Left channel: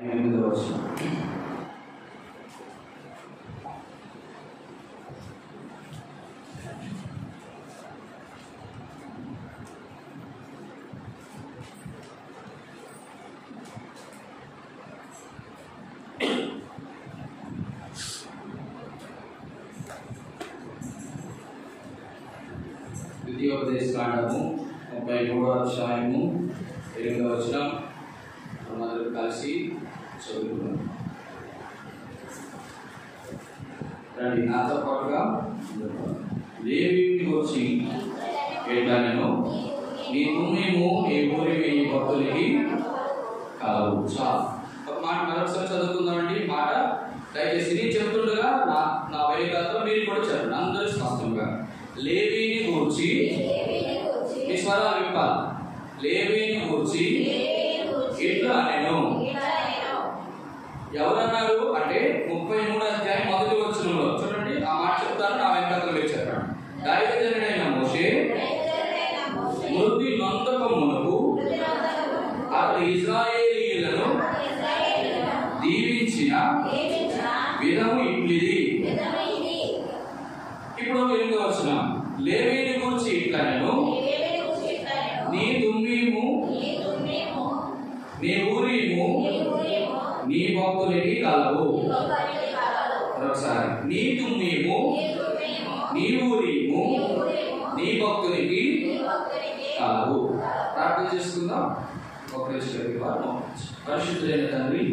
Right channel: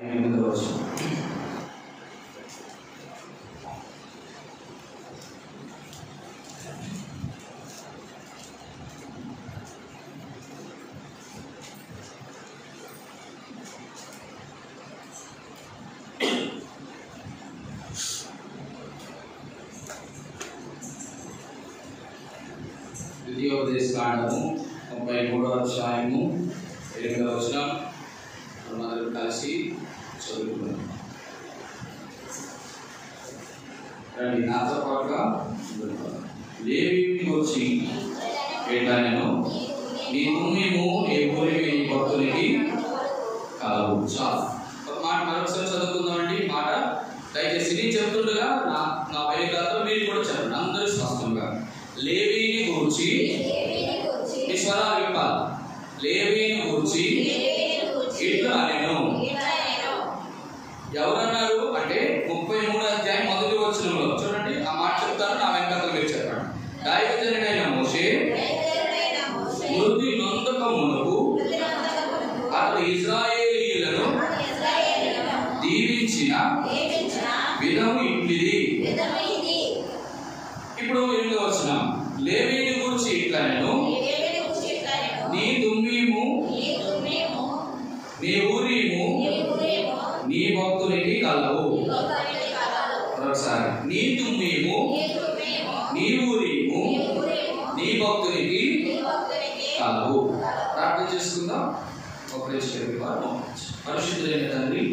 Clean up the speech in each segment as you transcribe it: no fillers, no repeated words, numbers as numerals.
ద్వితీయోపదేశకాండము 33వ అధ్యాయము 8వ వచనం మనమందరం కలిసి చదువుకుందాం. రండి నాతో పాటుగా. లేవీయుని వచ్చి ఎట్లనెను, నీ భూమిము నీ ఊరివి నీ భక్తునికి కలవు. చాలు. ఒక మాట మరొకసారి చదువుకుందామండి. ఈ మాట దయచేసి నేను చెబుతుండగా నా వైఖరితో మీరు కూడా చెప్పండి, అందరూ స్పష్టంగా. లేవీని గూర్చి స్వరాలు విప్పాలి. లేవీని గూర్చి ఇట్లా అనెను. ఎవరన్నారు అంటే 33వ అధ్యాయం 1వ వచనంలో చూడండి. ఆ మాట చెప్తాను, నా వెనకాల మీరు చెప్పండి. దైవజనుడైన మోషే మృతి నొందక మునుపు అతడు ఇశ్రాయేలీయులను దీవించిన విధము ఇట్లిది. ఇప్పుడు 8వ వచనం. లేవీని గూర్చి ఇట్లనెను, నీ దుమ్మీము నీ ఊరీము నీ భక్తునికి కలవు. ఒకసారి. నీ దుమ్మీము నీ ఊరీము నీ భక్తునికి కలవు. ప్రార్థన చేసుకుందాం. పరిశుద్ధులైన తండ్రి,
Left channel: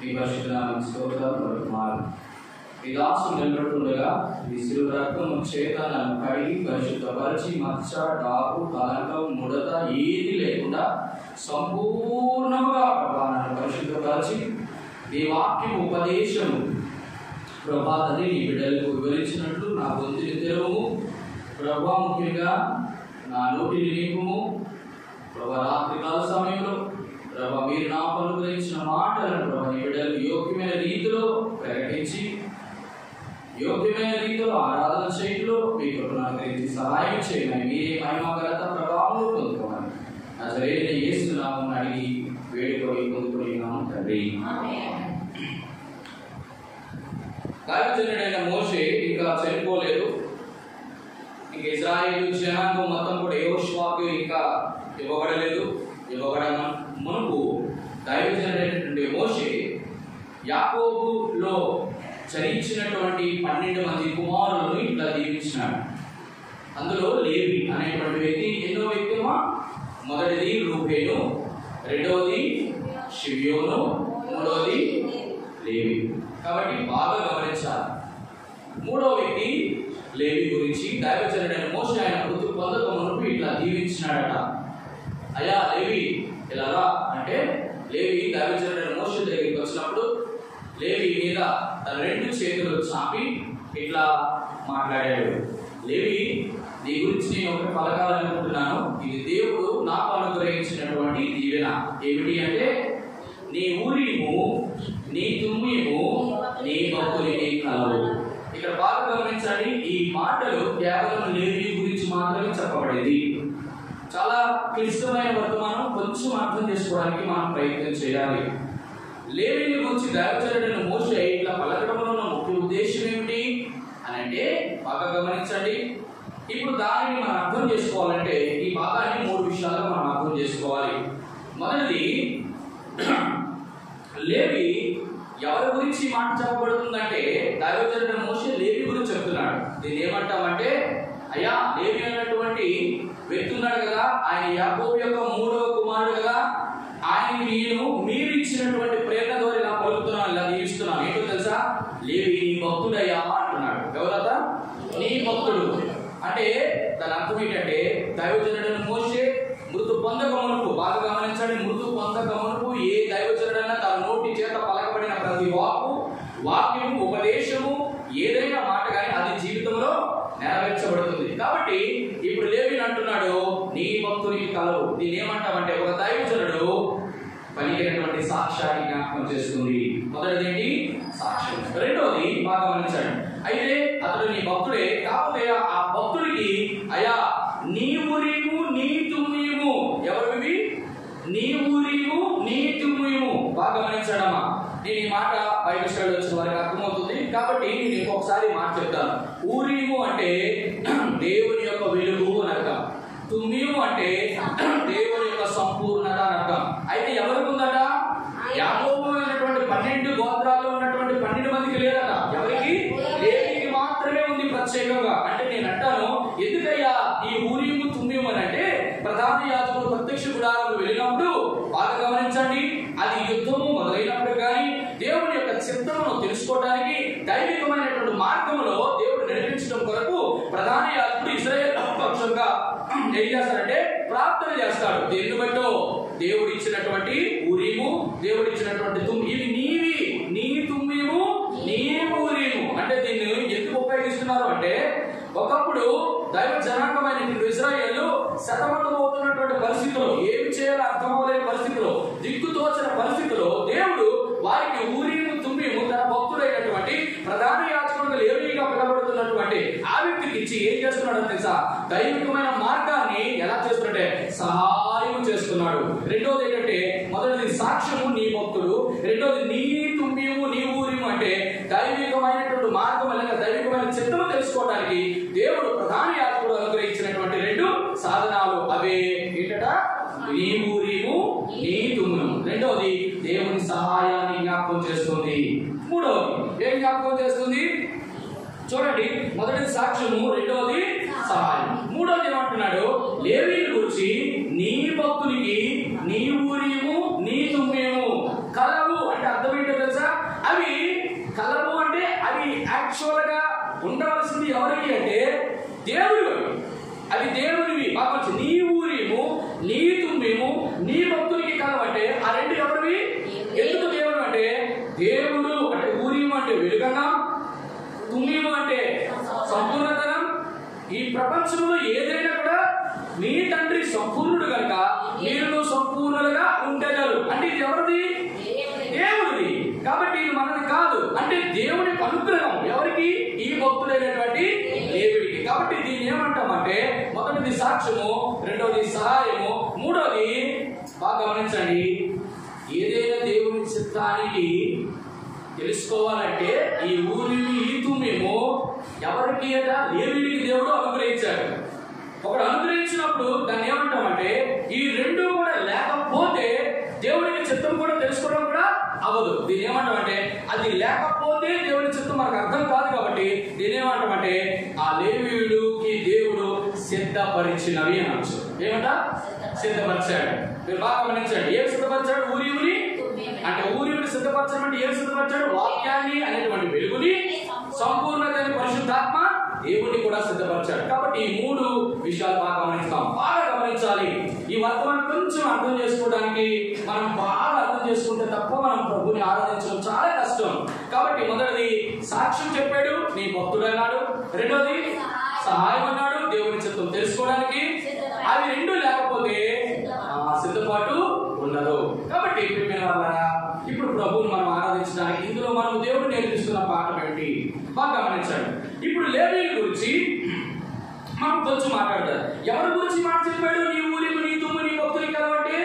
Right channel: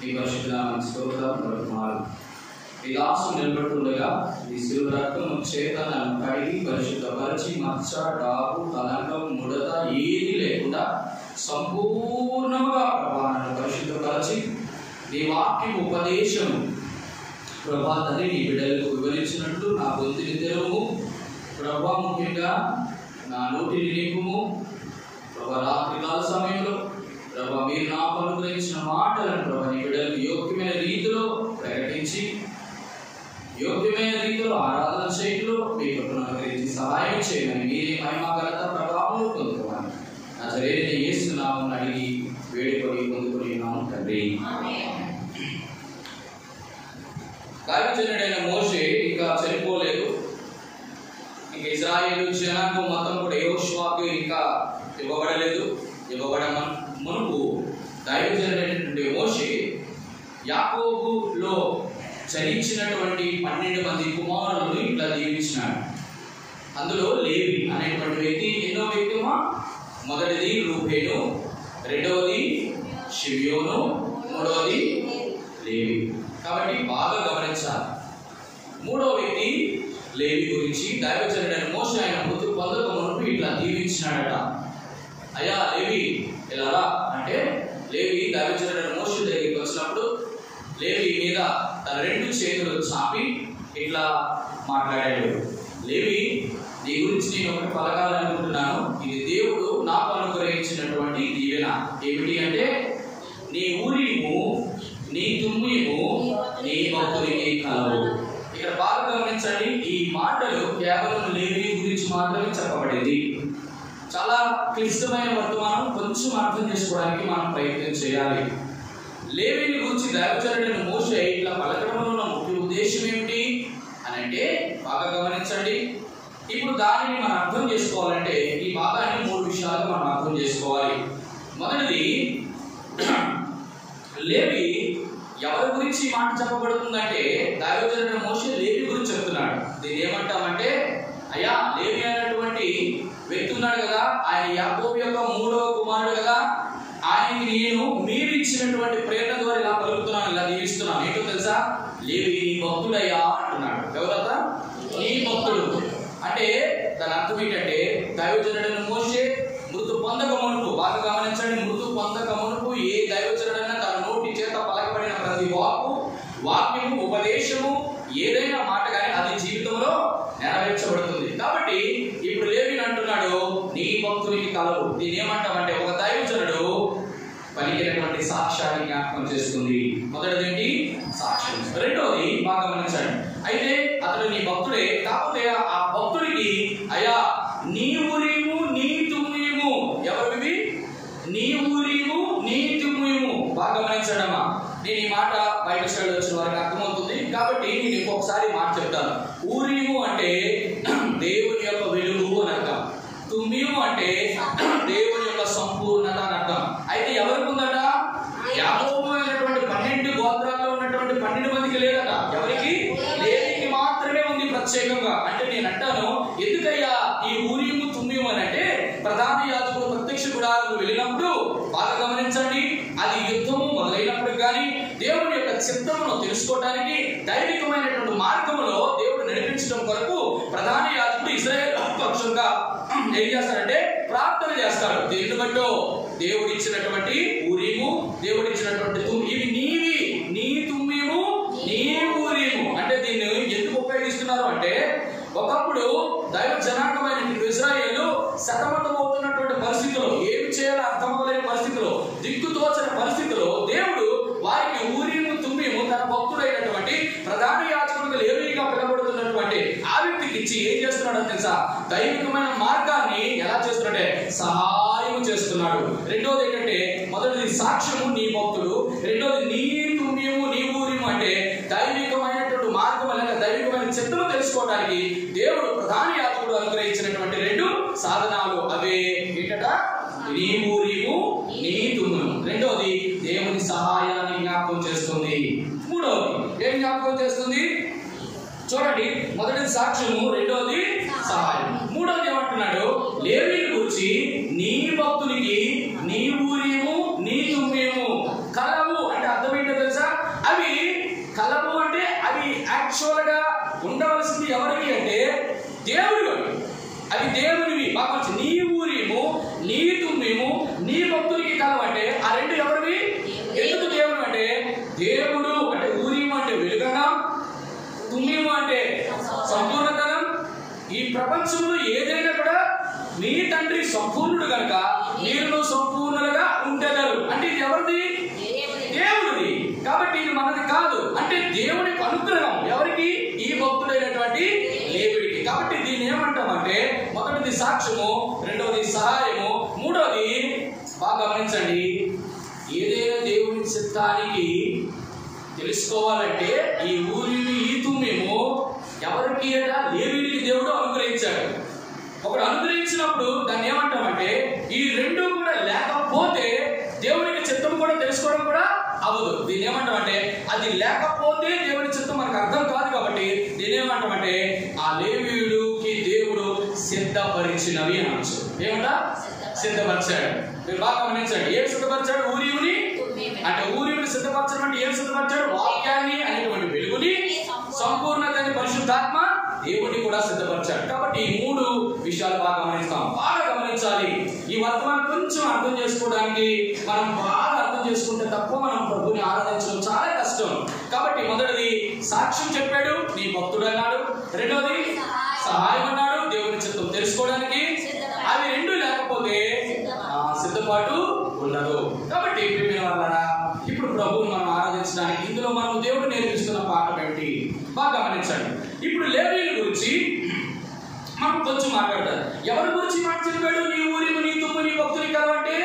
మీ పరిశుద్ధ నామమునకు స్తోత్రాలు. ఈ దాసు నిలబడుతుండగా ఈ శిలువ రక్తం చేత నన్ను కడిగి పరిశుద్ధపరిచి మచ్చ, డాకు, కలంకం, ముడత ఏది లేకుండా సంపూర్ణంగా ప్రభా నన్ను పరిశుద్ధపరిచి నీ వాక్యం ఉపదేశము ప్రభా తండ్రి నీ బిడ్డలకు వివరించినట్లు నా గొంతుని తెరవుము ప్రభా. ముఖ్యంగా నా నోటిని నింపుము ప్రభా. రాత్రికాల సమయంలో ప్రభా మీరు నాకు అనుగ్రహించిన మాటలను ప్రభా నీ బిడ్డలకు యోగ్యమైన రీతిలో ప్రకటించి యోగ్యమైన రీతిలో ఆరాధన చేయడంలో మీ కృపను అనుగ్రహించి సహాయం చేయమని, మీరే మహిమ ఘనత ప్రభావం పొందుకోమని నజరేయుడైన యేసు నామమున అడిగి వేడుకొని పొందుకున్నాము తండ్రి. దైవజనుడైన మోషే ఇంకా చనిపోలేదు. ఇంకా ఇశ్రాయేలు జనాంగం మొత్తం కూడా యెహోషువకు ఇంకా ఇవ్వబడలేదు. ఇవ్వబడన మునుపు దైవజనుడైనటువంటి మోషే యాకోబులో జనించినటువంటి 12 మంది కుమారులను ఇట్లా దీవించినాడు. అందులో లేవి అనేటువంటి వ్యక్తి ఎన్నో వ్యక్తిమా? మొదటిది రూబేను, రెండవది షిమ్యోను, మూడవది లేవి. కాబట్టి బాగా గమనించాలి. మూడవ వ్యక్తి లేవి గురించి దైవజనుడైన మోషే ఆయన మృతి పొందక మునుపు ఇట్లా దీవించినాడట. అయ్యా లేవి ఇలా రా అంటే, లేవి దైవజనుడైన మోషే దగ్గరికి వచ్చినప్పుడు లేవి మీద తన 2 చేతులు చాపి ఇట్లా మాట్లాడాడు. లేవి, నీ గురించి నేను ఒకటి పలకాలనుకుంటున్నాను. ఇది దేవుడు నాకు అనుగ్రహించినటువంటి దీవెన. ఏమిటి అంటే, నీ ఊరీము నీ తుమ్మీము నీ భక్తునికి కలవు. ఇక్కడ బాగా గమనించండి. ఈ మాటలు కేవలం లేవి గురించి మాత్రమే చెప్పబడేది. చాలా క్లిష్టమైన వర్తమానం. కొంచెం అర్థం చేసుకోవడానికి మనం ప్రయత్నం చేయాలి. లేవీని గురించి దైవజనుడైన మోషే ఇట్లా పలకడంలో ఉన్న ముఖ్య ఉద్దేశం ఏమిటి అని అంటే, బాగా గమనించండి. ఇప్పుడు దానిని మనం అర్థం చేసుకోవాలంటే ఈ భాగాన్ని 3 విషయాలుగా మనం అర్థం చేసుకోవాలి. మొదటిది, లేవి ఎవరి గురించి మాట చెప్పబడుతుందంటే, దైవజనుడైన మోషే లేవి గురించి చెప్తున్నాడు. దీన్ని ఏమంటామంటే, అయ్యా లేవి అయినటువంటి వ్యక్తి ఉన్నాడు కదా, ఆయన యాకోబు యొక్క 3వ కుమారుడు కదా, ఆయనకి నేను మీరు ఇచ్చినటువంటి ప్రేరణ ద్వారా ఇలా పలుకుతున్నాను, ఇలా దీవిస్తున్నాను. ఏంటో తెలుసా? లేవి నీ భక్తుడయ్యా అంటున్నాడు. ఎవరత? నీ భక్తుడు అంటే దాని అర్థం ఏంటంటే, దైవజనుడైన మోషే మృతు పొందక మునుపు, బాగా గమనించండి, మృతు పొందక మునుపు ఏ దైవజనుడైనా తన నోటి చేత పలకబడిన ప్రతి వాక్యము ఉపదేశము ఏదైనా మాట కానీ అది జీవితంలో నెరవేర్చబడుతుంది. కాబట్టి ఇప్పుడు లేవిని అంటున్నాడు, నీ భక్తునికి కలవు. దీన్ని ఏమంటామంటే, ఒక దైవజనుడు పలికినటువంటి సాక్ష్యాన్ని జ్ఞాపకం చేస్తుంది. మొదటిది ఏంటి? సాక్ష్యం. రెండోది బాగా గమనించండి. అయితే అతడు నీ భక్తుడే, కాకపోతే ఆ భక్తుడికి అయ్యా నీ ఊరీము నీ తుమ్మీము ఎవరివి? నీ ఊరీము నీ తుమ్మీము. బాగా గమనించడమ్మా. నేను ఈ మాట బైబిల్ స్టడీ వచ్చిన వారికి అర్థమవుతుంది కాబట్టి నేను ఇంకొకసారి మాట చెప్తాను. ఊరీము అంటే దేవుని యొక్క వెలుగు అని అర్థం. తుమ్మీము అంటే దేవుని యొక్క సంపూర్ణత అని అర్థం. అయితే ఎవరికి ఉందట? యాకోబు అయినటువంటి 12 గోత్రాల్లో ఉన్నటువంటి 12 మందికి లేదట. ఎవరికి? లేవికి మాత్రమే ఉంది ప్రత్యేకంగా. అంటే నేను అంటాను, ఎందుకయ్యా ఈ ఊరీము తుమ్మీము అని అంటే, ప్రధాన యాజకుడు ప్రత్యక్ష గుడారంలో వెళ్ళినప్పుడు బాగా గమనించండి, అది యుద్ధము మొదలైనప్పుడు కానీ దేవుని యొక్క చిత్తమును తెలుసుకోవడానికి దైవికమైనటువంటి మార్గంలో దేవుడు నడిపించడం కొరకు ప్రధాన యాజకుడు ఇశ్రాయేలు పక్షంగా ఏం చేస్తాడంటే ప్రార్థన చేస్తాడు. దేన్ని బట్టో? దేవుడు ఇచ్చినటువంటి ఊరీము, దేవుడు ఇచ్చినటువంటి ఇవి నీవి, నీ తుమ్మీము నీ ఊరీము. అంటే దీన్ని ఎందుకు ఉపయోగిస్తున్నారు అంటే, ఒకప్పుడు దైవ జనాంగమైన ఇశ్రాయేలు సతమతం అవుతున్నటువంటి పరిస్థితిలో, ఏమి చేయాలో అర్థం అవ్వలేని పరిస్థితిలో, దిక్కుతోచని పరిస్థితిలో దేవుడు వారికి ఊరీము తుమ్మీము తన భక్తుడైనటువంటి ప్రధాన యాజకుడిగా లేవీగా పిలబడుతున్నటువంటి ఆ వ్యక్తికి ఇచ్చి ఏం చేస్తున్నాడో తెలుసా? దైవికమైన మార్గాన్ని ఎలా చేస్తున్నాడంటే సహాయం చేస్తున్నాడు. రెండోది ఏంటంటే, మొదటిది సాక్ష్యము నీ భక్తుడు, రెండోది నీ తుమ్మీము నీ ఊరీము అంటే దైవికమైనటువంటి మార్గం లేక దైవికమైన చిత్తము తెలుసుకోవడానికి దేవుడు ప్రధాన యాజకుడు అనుగ్రహించినటువంటి 2 సాధనాలు. అవే ఏంటట? నీ ఊరీము నీ తుమ్మును. రెండోది దేవుని సహాయాన్ని జ్ఞాపకం చేస్తుంది. మూడోది ఏం జ్ఞాపకం చేస్తుంది? చూడండి, మొదటిది సాక్ష్యము, రెండోది సహాయం. మూడోది ఏమంటున్నాడు? లేవీని గురించి నీ భక్తునికి నీ ఊరీము నీ తుమ్మీము కలవు. అంటే అర్థం ఏంటో తెలుసా? అవి కలవు అంటే అవి యాక్చువల్ గా ఉండవలసింది ఎవరికి అంటే దేవుడు. అవి దేవునివి. బాగా నీ ఊరీము నీ తుమ్మీము నీ భక్తునికి కలవు అంటే ఆ 2 ఎవరివి? ఎందుకు దేవుడు అంటే, దేవుడు అంటే ఊరీము అంటే వెలుగనం, తుమ్మీము అంటే సంపూర్ణతనం. ఈ ప్రపంచంలో ఏదైనా కూడా మీ తండ్రి సంపూర్ణుడు కనుక మీరు సంపూర్ణులుగా ఉండగలరు. అంటే ఇది ఎవరిది? దేవుడిది. కాబట్టి ఇది మనది కాదు. అంటే దేవుని అనుగ్రహం ఎవరికి? ఈ భక్తుడైనటువంటి లేవీడికి. కాబట్టి దీన్ని ఏమంటామంటే, మొదటిది సాక్ష్యము, రెండోది సహాయము, మూడోది బాగా గమనించండి, ఏదైనా దేవుని చిత్తానికి తెలుసుకోవాలంటే ఈ ఊరిని ఈ తుమ్మీము ఎవరికి అంటే లేవీడికి దేవుడు అనుగ్రహించాడు. ఒకడు అనుగ్రహించినప్పుడు దాన్ని ఏమంటామంటే, ఈ 2 కూడా లేకపోతే దేవునికి చిత్తం కూడా తెలుసుకోవడం కూడా అవ్వదు. దీన్ని ఏమంటామంటే, అది లేకపోతే దేవుని చిత్తం మనకు అర్థం కాదు. కాబట్టి దీన్ని ఏమంటామంటే, ఆ లేవీయుడికి దేవుడు సిద్ధపరిచినవి అనొచ్చు. ఏమంట? సిద్ధపరిచాడు. మీరు బాగా గమనించండి, ఏం సిద్ధపరిచాడు? ఊరీముని అంటే ఊరీముని సిద్ధపరచడం అంటే ఏం సిద్ధపరిచాడు? వాక్యాన్ని అనేటువంటి వెలుగుని, సంపూర్ణతని పరిశుద్ధాత్మ దేవుడిని కూడా సిద్ధపరిచాడు. కాబట్టి ఈ 3 విషయాలు బాగా గమనిస్తాం. బాగా గమనించాలి. ఈ వర్తమానం కొంచెం అర్థం చేసుకోవడానికి మనం బాగా అర్థం చేసుకుంటే తప్ప మనం ప్రభుని ఆరాధించడం చాలా కష్టం. కాబట్టి మొదటిది సాక్ష్యం చెప్పాడు, నీ భక్తుడు అన్నాడు. రెండోది సహాయం అన్నాడు, దేవుని చిత్తం తెలుసుకోవడానికి. అవి 2 లేకపోతే సిద్ధపాటు ఉండదు. కాబట్టి ప్రియమైన వాళ్ళారా, ఇప్పుడు ప్రభువుని మనం ఆరాధించడానికి ఇందులో మనం దేవుడు నేర్పిస్తున్న పాఠం ఏమిటి? బాగా గమనించండి. ఇప్పుడు లేవీయుల గురించి మనం కొంచెం మాట్లాడతారు. ఎవరి గురించి మాట చెప్పాడు? నీ ఊరిము నీ తుమ్ము నీ భక్తుని కలవంటే,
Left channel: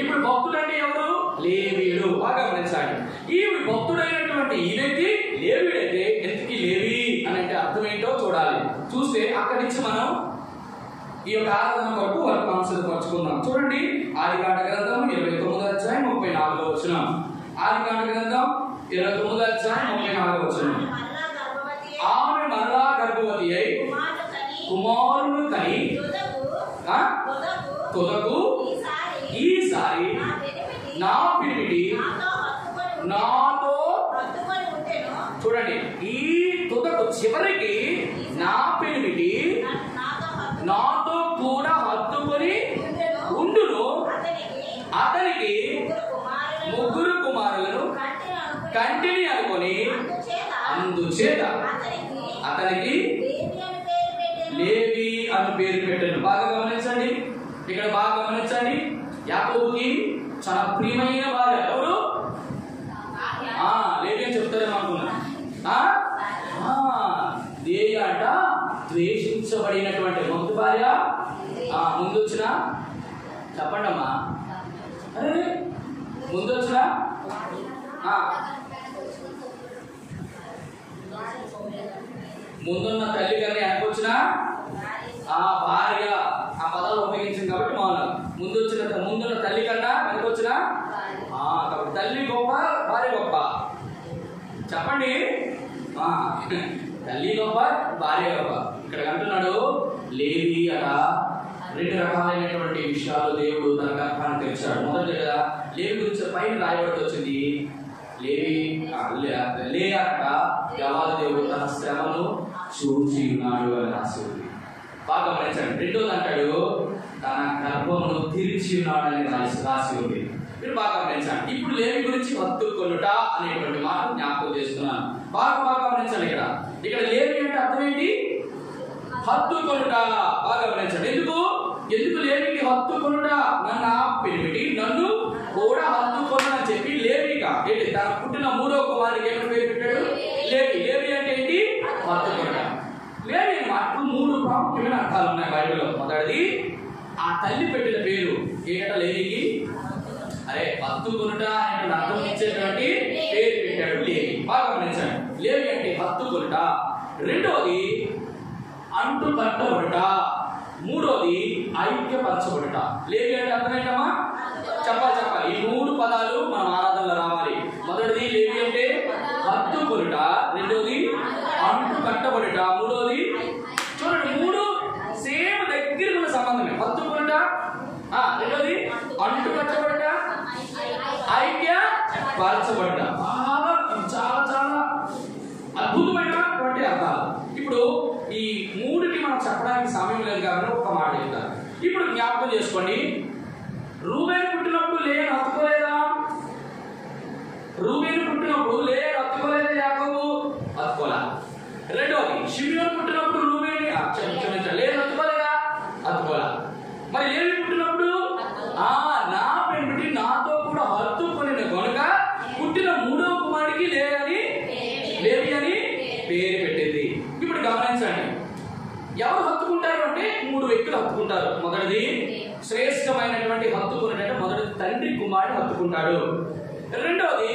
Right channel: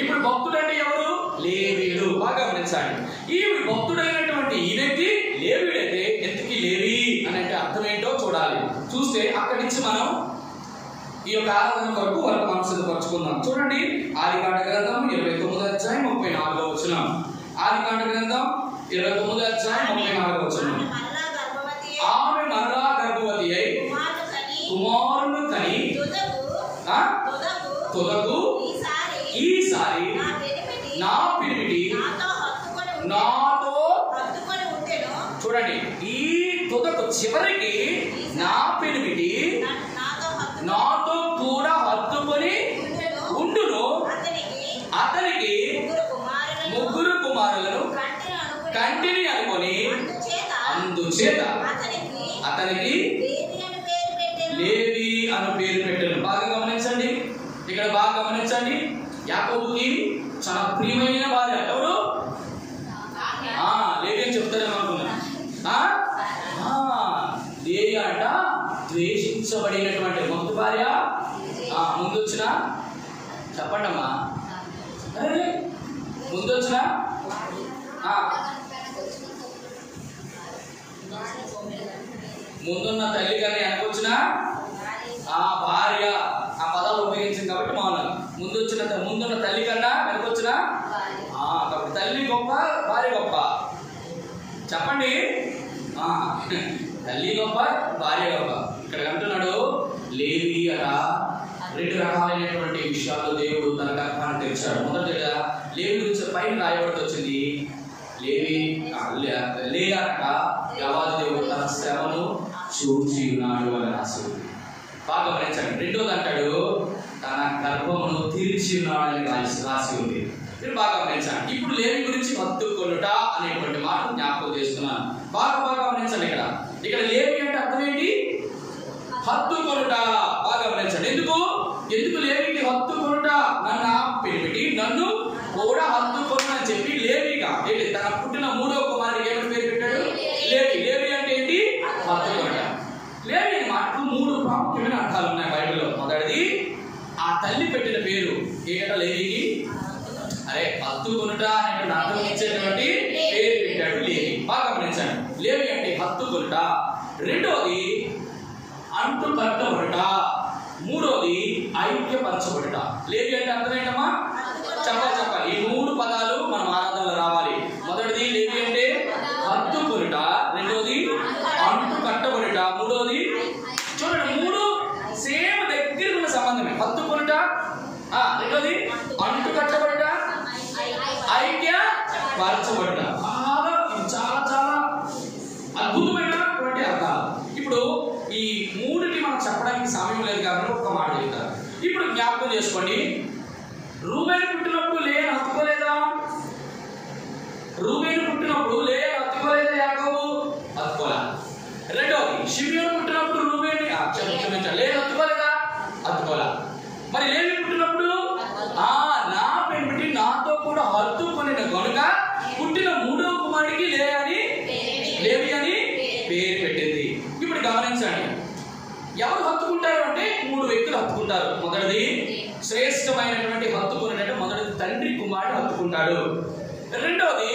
ఇప్పుడు భక్తుడు అంటే ఎవరు? లేవీయుడు. బాగా గమనించండి. ఈ భక్తుడైనటువంటి ఈ వ్యక్తి లేవీయుడైతే ఎందుకు లేవి అని అంటే అర్థం ఏంటో చూడాలి. చూస్తే అక్కడి నుంచి మనం ఈ యొక్క ఆరాధన కొరకు వర్తమానం సిద్ధపరచుకుందాం. చూడండి, ఆదికాండ గ్రంథం 29వ అధ్యాయం 34వ వచనం. ఆదికాండ గ్రంథం 29వ అధ్యాయం 34వ వచనం. ఆమె మరలా గర్భవతి అయి కుమారుని కని తుదకు ఈసారి నా పిలిమిటి నాతో, చూడండి, ఈ తుదకు చివరికి నా పిలిమిటి నాతో కూడా హత్తుకొని ఉండును. అతనికి 3 కుమారులను కంటిని అనుకొని అందుచేత అతనికి లేవి అను పేరు పెట్టాను. బాగా గమనించండి, ఇక్కడ బాగా గమనించండి. యాకోబుకి చాలా ప్రియమైన భార్య ఎవరు? లేవి అని చెప్తారేమో అనుకున్నాను. లేవి అంట ద్వేషించబడినటువంటి మొదటి భార్య. ముందు వచ్చిన చెప్పండి అమ్మా, ముందు వచ్చిన ముందున్న తల్లి కన్నా వెనకొచ్చిన భార్య, ఆ పదాలు ఉపయోగించింది కాబట్టి మౌనం. ముందున్న తల్లి కన్నా వెనకొచ్చిన కాబట్టి తల్లి గొప్ప, భార్య గొప్ప. చెప్పండి, తల్లి గొప్ప, భార్య గొప్ప. ఇక్కడ అంటున్నాడు లేవి అట 2 రకాలైనటువంటి విషయాలు దేవుడు తన గర్భాన్ని తెరిచాడు. మొదటిగా లేవి గురించి పైన రాయబడి వచ్చింది. లేయాక యెహోవా దేవుడు తన శ్రమను చూచి ఉన్నాడు అని రాసి ఉంది. బాగా గమనించండి. రెండోది అంటాడు తన గర్భమును తెరిచి ఉన్నాడు అని రాసి ఉంది. మీరు బాగా గమనించండి. ఇప్పుడు లేవి గురించి హత్తుకొనుట అనేటువంటి మాట జ్ఞాపకం చేస్తున్నాను. బాగా గమనించండి. ఇక్కడ లేవి అంటే అర్థం ఏంటి? హత్తుకొనుట. బాగా గమనించండి. ఎందుకు లేవికి హత్తుకొనుట? నన్ను పిలిపిటి నన్ను కూడా హత్తుకొను అని చెప్పి లేవిగా ఏంటి తన పుట్టిన 3వ కుమారుడికి ఏమని పేరు పెట్టాడు? లేవి. లేవి అంటే ఏంటి? హత్తుకొనుట. లేవి మాటకు 3 ప్రాముఖ్యమైన అర్థాలు ఉన్నాయి బైబిల్లో. మొదటిది ఆ తల్లి పెట్టిన పేరు ఏంటంటే లేవికి హత్తుకొనుట అనేటువంటి అర్థం ఇచ్చేటువంటి పేరు పెట్టాడు లేవి. బాగా గమనించండి. లేవి అంటే హత్తుకొనుట. రెండోది అంటు కట్టబడుట. మూడోది ఐక్యపరచబడుట. లేవి అంటే అర్థం ఏంటమ్మా? చెప్పాలి. ఈ 3 పదాలు మన ఆరాధనలో రావాలి. మొదటిది లేవి అంటే హత్తుకొనుట, రెండోది అంటు కట్టబడుట, మూడోది చూడండి 3 సేమ్ దగ్గర ఉన్న సంబంధమే. హత్తుకొనుట, రెండోది అంటు కట్టబడుట, ఐక్యపరచబడుట. చాలా అద్భుతమైనటువంటి అర్థాలు. ఇప్పుడు ఈ 3కి మనం చెప్పడానికి సమయం లేదు కాబట్టి ఒక్క మాట చెప్తాను. ఇప్పుడు జ్ఞాపకం చేసుకోండి. రూబేను పుట్టినప్పుడు లేయను హత్తుకోలేదా? రూబేను పుట్టినప్పుడు లేయను హత్తుకోలేదా యాకోబు? హత్తుకోలే. రెండోది షిమియోను పుట్టినప్పుడు రూబేను క్షమించాలి లేయను హత్తుకోలేదా? హత్తుకోలే. మరి లేవి పుట్టినప్పుడు నా పెంపిటి నాతో కూడా హత్తుకొనిన గనుక పుట్టిన 3వ కుమారుడికి లేవి అని పేరు పెట్టింది. ఇప్పుడు గమనించండి. ఎవరు హత్తుకుంటారు అంటే 3 వ్యక్తులు హత్తుకుంటారు. మొదటిది శ్రేష్టమైనటువంటి హత్తుకునేటంటే మొదటిది తండ్రి కుమారుడు హత్తుకుంటాడు. రెండవది